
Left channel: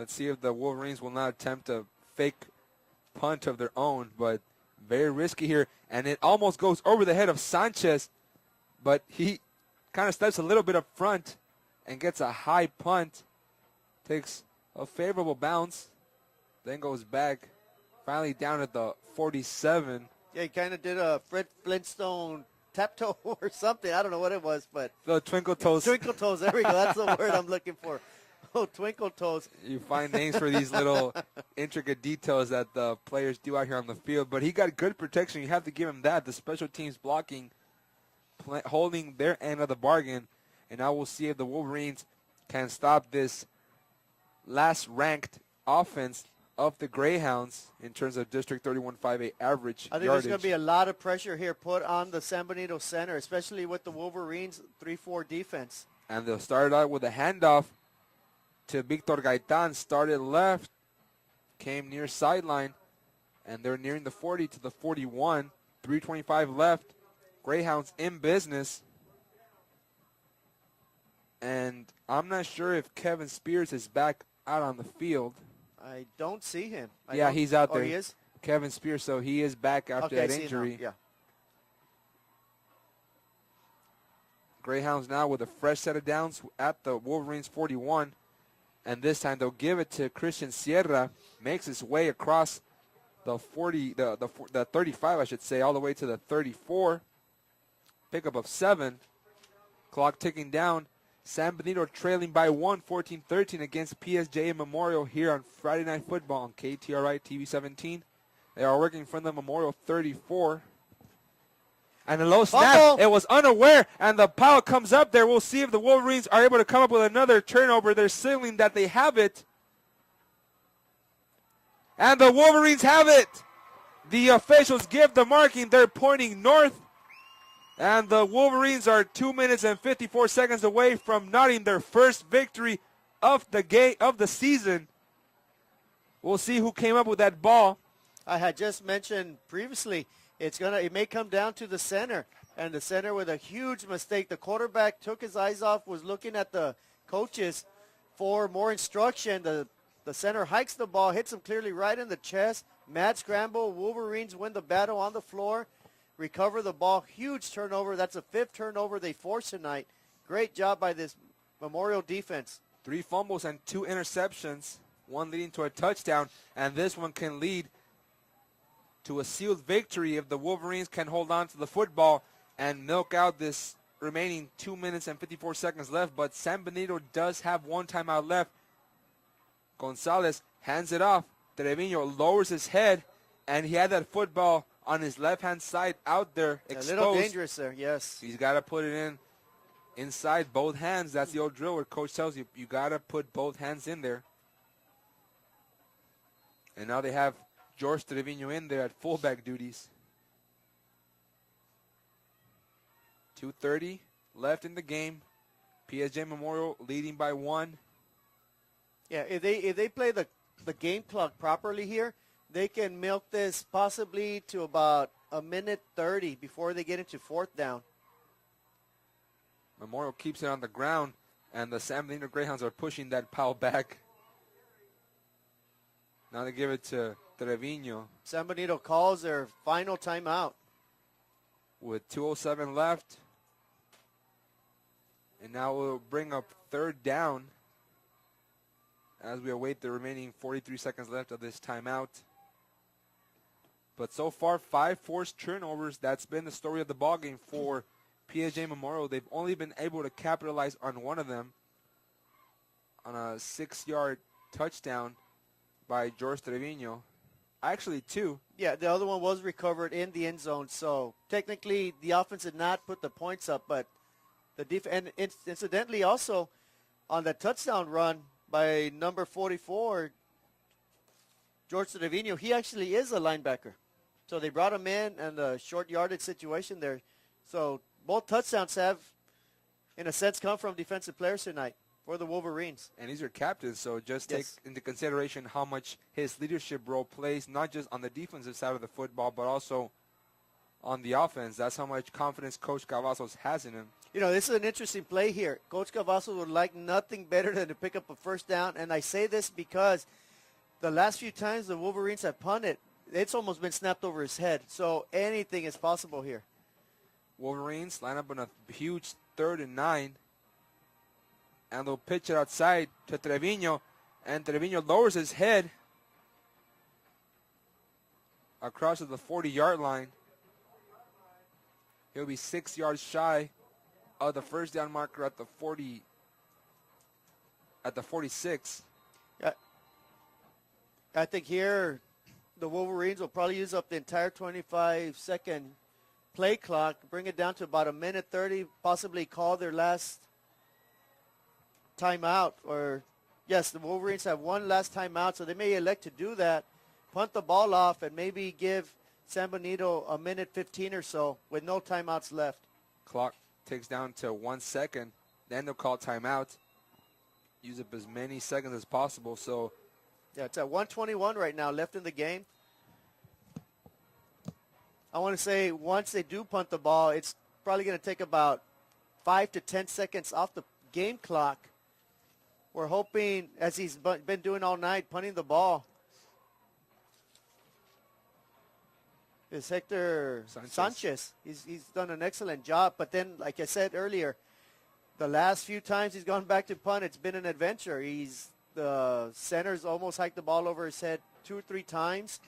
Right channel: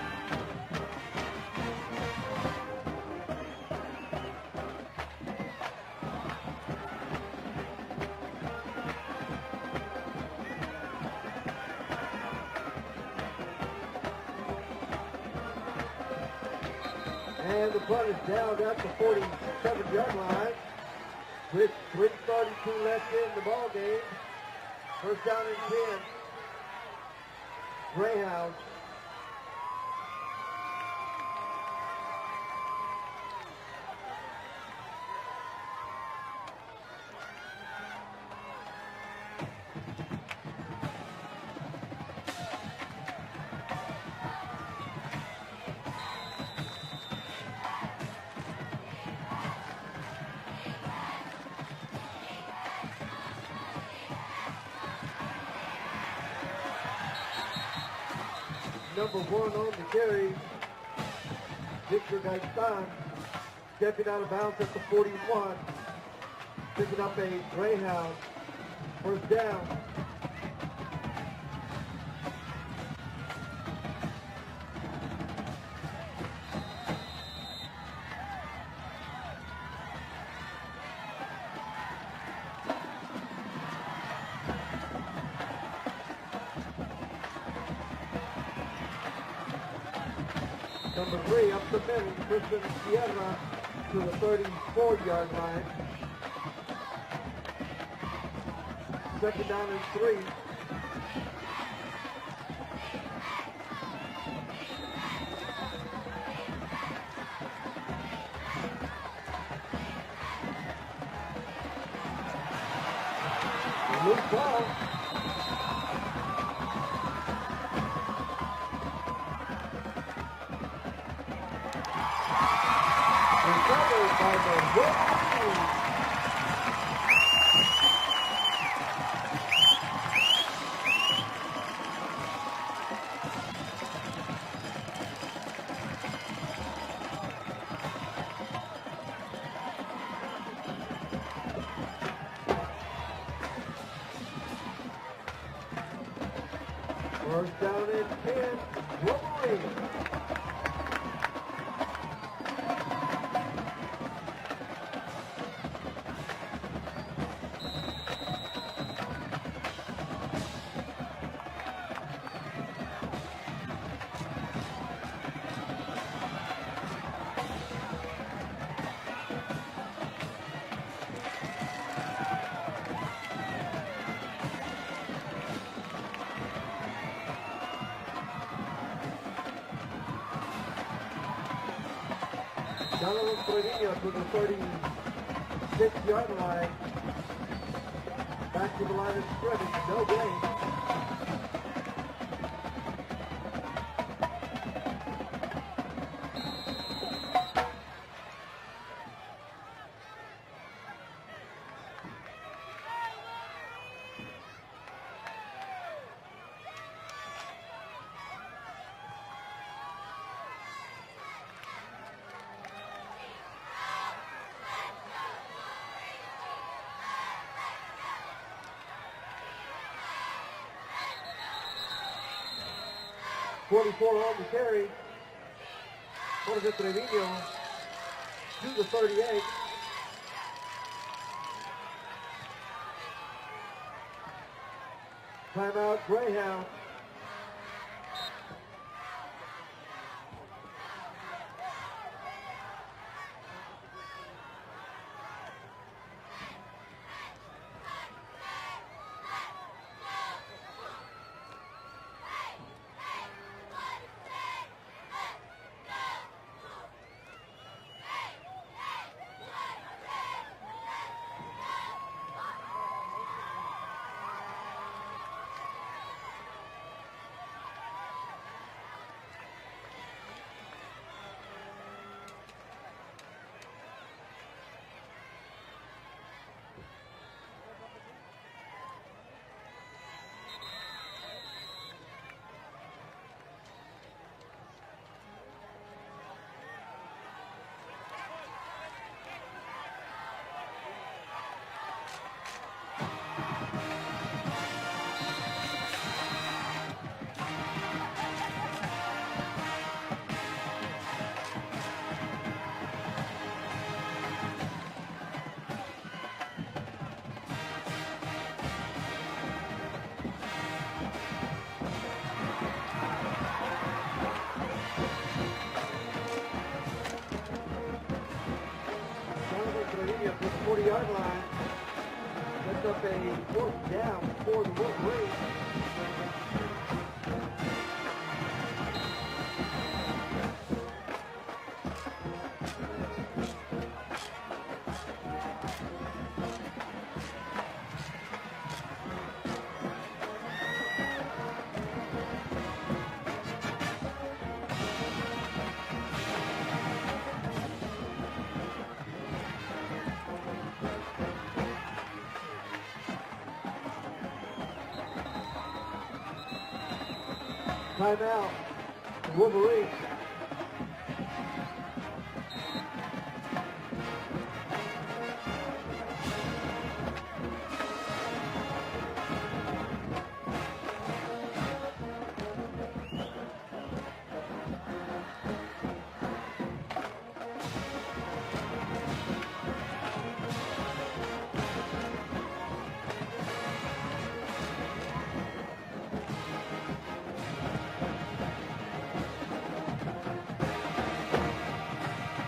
Let's see if the Wolverines will not attempt a fake punt of their own, but very risky here. And it almost goes over the head of Sanchez, but he kind of steps a little bit up front and gets a high punt. Takes a favorable bounce, then goes back, finally down at the 47. They kind of did a Fred Flintstone tap-toe or something. I don't know what it was, but The twinkle toes. twinkle toes. There we go. That's the word I'm looking for. Oh, twinkle toes. You find names for these little intricate details that the players do out here on the field, but he got good protection. You have to give him that. The special teams blocking, holding their end of the bargain, and now we'll see if the Wolverines can stop this last ranked offense of the Greyhounds in terms of District 31.58 average I think yardage. there's going to be a lot of pressure here put on the San Benito center, especially with the Wolverines 3-4 defense. And they'll start out with a handoff to Victor Gaitan, started left, came near sideline, and they're nearing the 40 to the 41. 3:25 left. Greyhounds in business. And I'm not sure if Kevin Spears is back out on the field. I don't see him. Yeah, he's out there. Oh, he is? Kevin Spears, so he is back after Okay, I that see him injury. now. Yeah. Greyhounds now with a fresh set of downs at the Wolverines 41. And this time they'll give it to Christian Sierra. Makes his way across the 40, the 35, I should say, all the way to the 34. Pickup of 7. Clock ticking down. San Benito trailing by 1, 14-13 against PSJA Memorial here on Friday Night Football on KTRI TV 17. They are working from the Memorial 34. And a low snap. Fumble. It was unaware, and the pile comes up there. We'll see if the Wolverines are able to come up with another turnover. They're signaling that they have it. And the Wolverines have it. The officials give the marking. They're pointing north. And the Wolverines are 2 minutes and 54 seconds away from knotting their first victory of the game of the season. We'll see who came up with that ball. I had just mentioned previously, it may come down to the center, and the center with a huge mistake. The quarterback took his eyes off, was looking at the coaches for more instruction. The center hikes the ball, hits him clearly right in the chest. Mad scramble, Wolverines win the battle on the floor, recover the ball, huge turnover. That's a 5th turnover they forced tonight. Great job by this Memorial defense. 3 fumbles and 2 interceptions, one leading to a touchdown, and this one can lead to a sealed victory if the Wolverines can hold on to the football and milk out this remaining 2 minutes and 54 seconds left. But San Benito does have 1 timeout left. Gonzalez hands it off. Trevino lowers his head, and he had that football on his left-hand side out there exposed. A little dangerous there, yes. He's got to put it in inside both hands. That's the old drill where coach tells you, you got to put both hands in there. And now they have George Trevino in there at fullback duties. 2:30 left in the game. PSJ Memorial leading by 1. Yeah, if they play the game clock properly here, they can milk this possibly to about 1:30 before they get into 4th down. Memorial keeps it on the ground, and the San Benito Greyhounds are pushing that pile back. 44 on the carry. Now they give it to Trevino San Benito calls their final timeout. with 2:07 left. And now we'll bring up 3rd down as we await the remaining 43 seconds left of this timeout. But so far, 5 forced turnovers. That's been the story of the ballgame for PSJ Memorial. They've only been able to capitalize on one of them, on a 6-yard touchdown by George Trevino. Actually, 2. Yeah, the other one was recovered in the end zone, so technically the offense did not put the points up, but the and incidentally also on the touchdown run by number 44, George Trevino, he actually is a linebacker. So they brought him in a short yardage situation there. So both touchdowns have, in a sense, come from defensive players tonight for the Wolverines. And he's your captain, so just take into consideration how much his leadership role plays, not just on the defensive side of the football, but also on the offense. That's how much confidence Coach Cavazos has in him. You know, this is an interesting play here. Coach Cavazos would like nothing better than to pick up the first down, and I say this because the last few times the Wolverines have punted, it's almost been snapped over his head. So anything is possible here. Wolverines line up in a huge 3rd and 9. And they'll pitch it outside to Trevino. And Trevino lowers his head across the 40-yard line. He'll be 6 yards shy of the first down marker at the 46. I think here the Wolverines will probably use up the entire 25-second play clock, bring it down to about 1:30, possibly call their last timeout. Or yes, the Wolverines have one last timeout, so they may elect to do that, punt the ball off, and maybe give San Benito 1:15 or so with no timeouts left. Clock takes down to 1 second. Then they'll call timeout. As many seconds as possible. So that's at 1:21 right now left in the game. I want to say once they do punt the ball, it's probably going to take about 5 to 10 seconds off the game clock. We're hoping, as he's been doing all night, punting the ball, is Hector Sanchez. He's done an excellent job, but then, like I said earlier, the last few times he's gone back to punt, it's been an adventure. The center's almost hiked the ball over his head 2-3 times.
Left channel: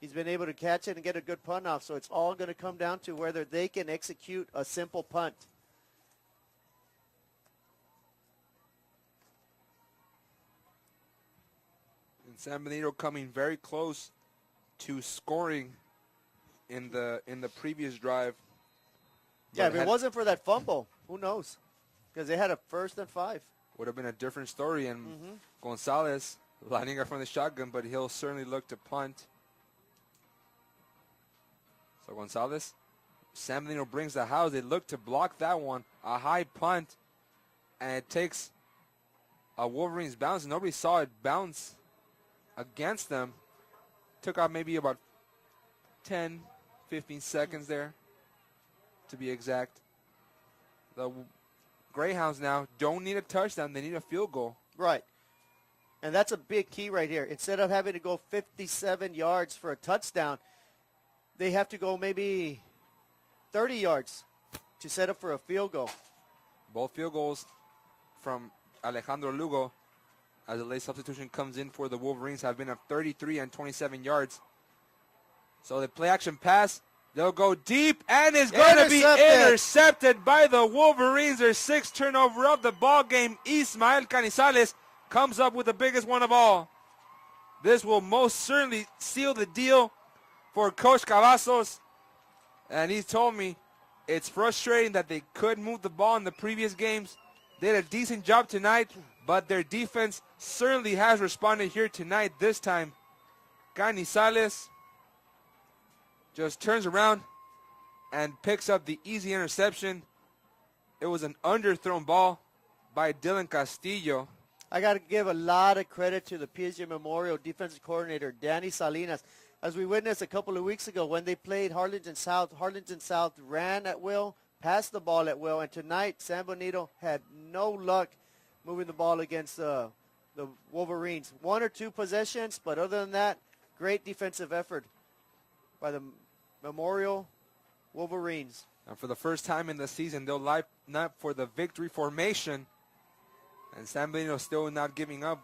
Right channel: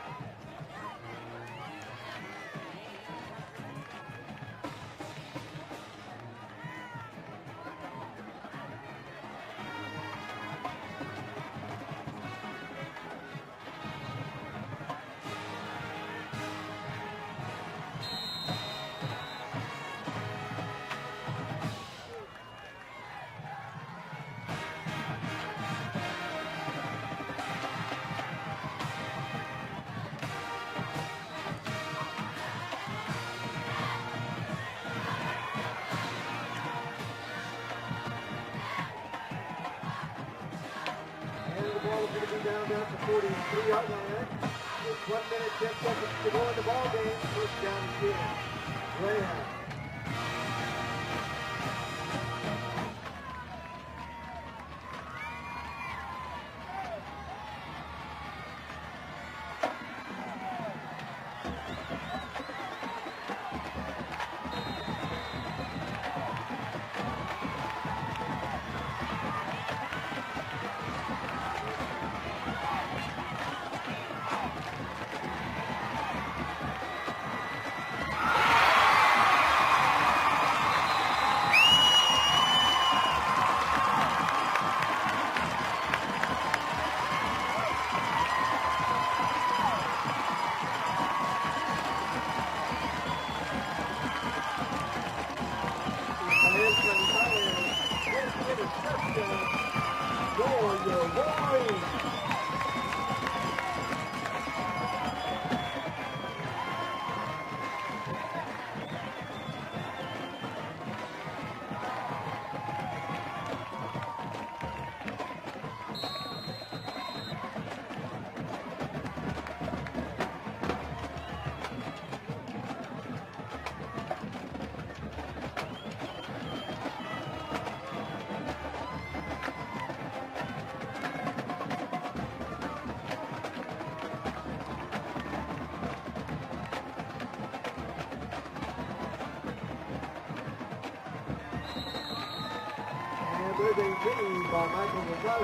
He's been able to catch it and get a good punt off, so it's all going to come down to whether they can execute a simple punt. San Benito coming very close to scoring in the previous drive. Yeah, if it wasn't for that fumble, who knows? Because they had a 1st and 5. Would have been a different story, and Gonzalez lining up on the shotgun, but he'll certainly look to punt. Gonzalez, San Benito brings the house. They look to block that one, a high punt, and it takes a Wolverines bounce. Nobody saw it bounce against them. Took off maybe about 10, 15 seconds there, to be exact. Greyhounds now don't need a touchdown, they need a field goal. Right. And that's a big key right here. Instead of having to go 57 yards for a touchdown, they have to go maybe 30 yards to set up for a field goal. Both field goals from Alejandro Lugo as the late substitution comes in for the Wolverines have been on 33 and 27 yards. So the play action pass, they'll go deep, and it's going to be intercepted by the Wolverines. Their 6th turnover of the ball game. Ismael Canizales comes up with the biggest one of all. This will most certainly seal the deal for Coach Cavazos. And he told me it's frustrating that they couldn't move the ball in the previous game. They did a decent job tonight, but their defense certainly has responded here tonight. This time, Canizales just turns around and picks up the easy interception. It was an underthrown ball by Dylan Castillo. I got to give a lot of credit to the PSJA Memorial defensive coordinator, Danny Salinas. As we witnessed a couple of weeks ago when they played Harlingen South ran at will, passed the ball at will, and tonight San Benito had no luck moving the ball against the Wolverines. 1 or 2 possessions, but other than that, great defensive effort by the Memorial Wolverines. For the first time in the season, they'll line up for the victory formation. San Benito still not giving up.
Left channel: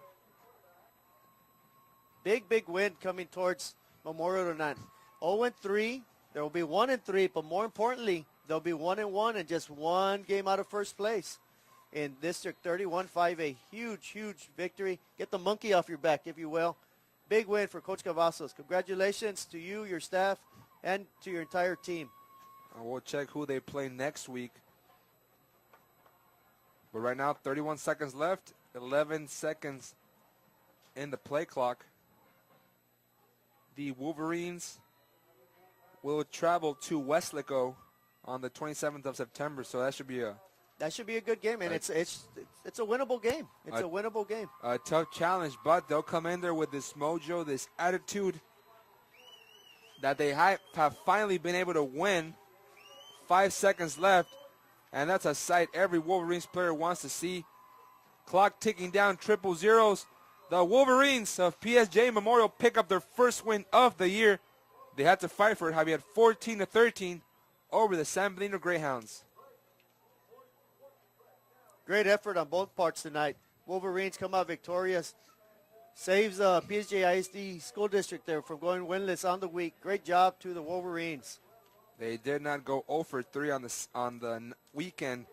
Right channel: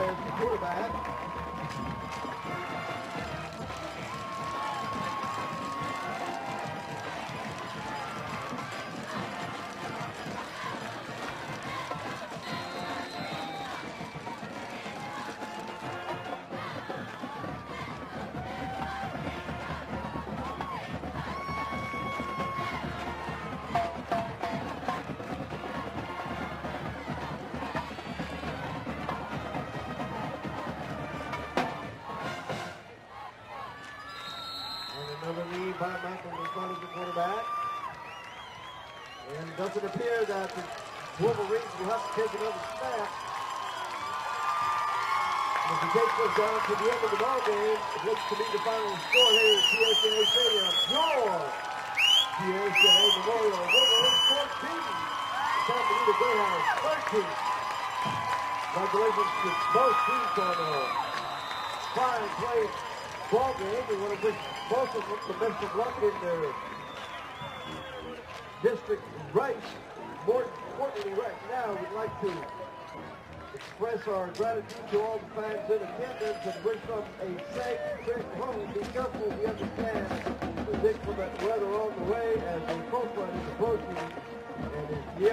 Big win coming towards Memorial tonight. 0-3, they'll be 1-3, but more importantly, they'll be 1-1 and just 1 game out of first place in District 31-5. A huge victory. Get the monkey off your back, if you will. Big win for Coach Cavazos. Congratulations to you, your staff, and to your entire team. We'll check who they play next week. But right now, 31 seconds left, 11 seconds in the play clock. The Wolverines will travel to Weslaco on the 27th of September, so that should be a good game, and it's a winnable game. It's a winnable game. a tough challenge, but they'll come in there with this mojo, this attitude that they have finally been able to win. 5 seconds left, and that's a sight every Wolverines player wants to see. Clock ticking down, triple zeros. The Wolverines of PSJA Memorial pick up their first win of the year. They had to fight for it, having 14-13 over the San Benito Greyhounds. Great effort on both parts tonight. Wolverines come out victorious. Saves PSJA School District there from going winless on the week. Great job to the Wolverines. They did not go 0 for 3 on the weekend,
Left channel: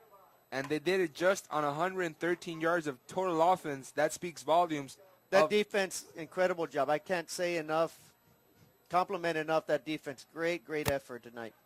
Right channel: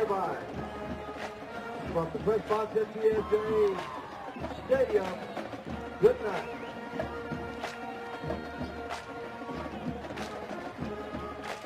and they did it just on 113 yards of total offense. That speaks volumes. That defense, incredible job. I can't say enough, compliment enough that defense. Great effort tonight.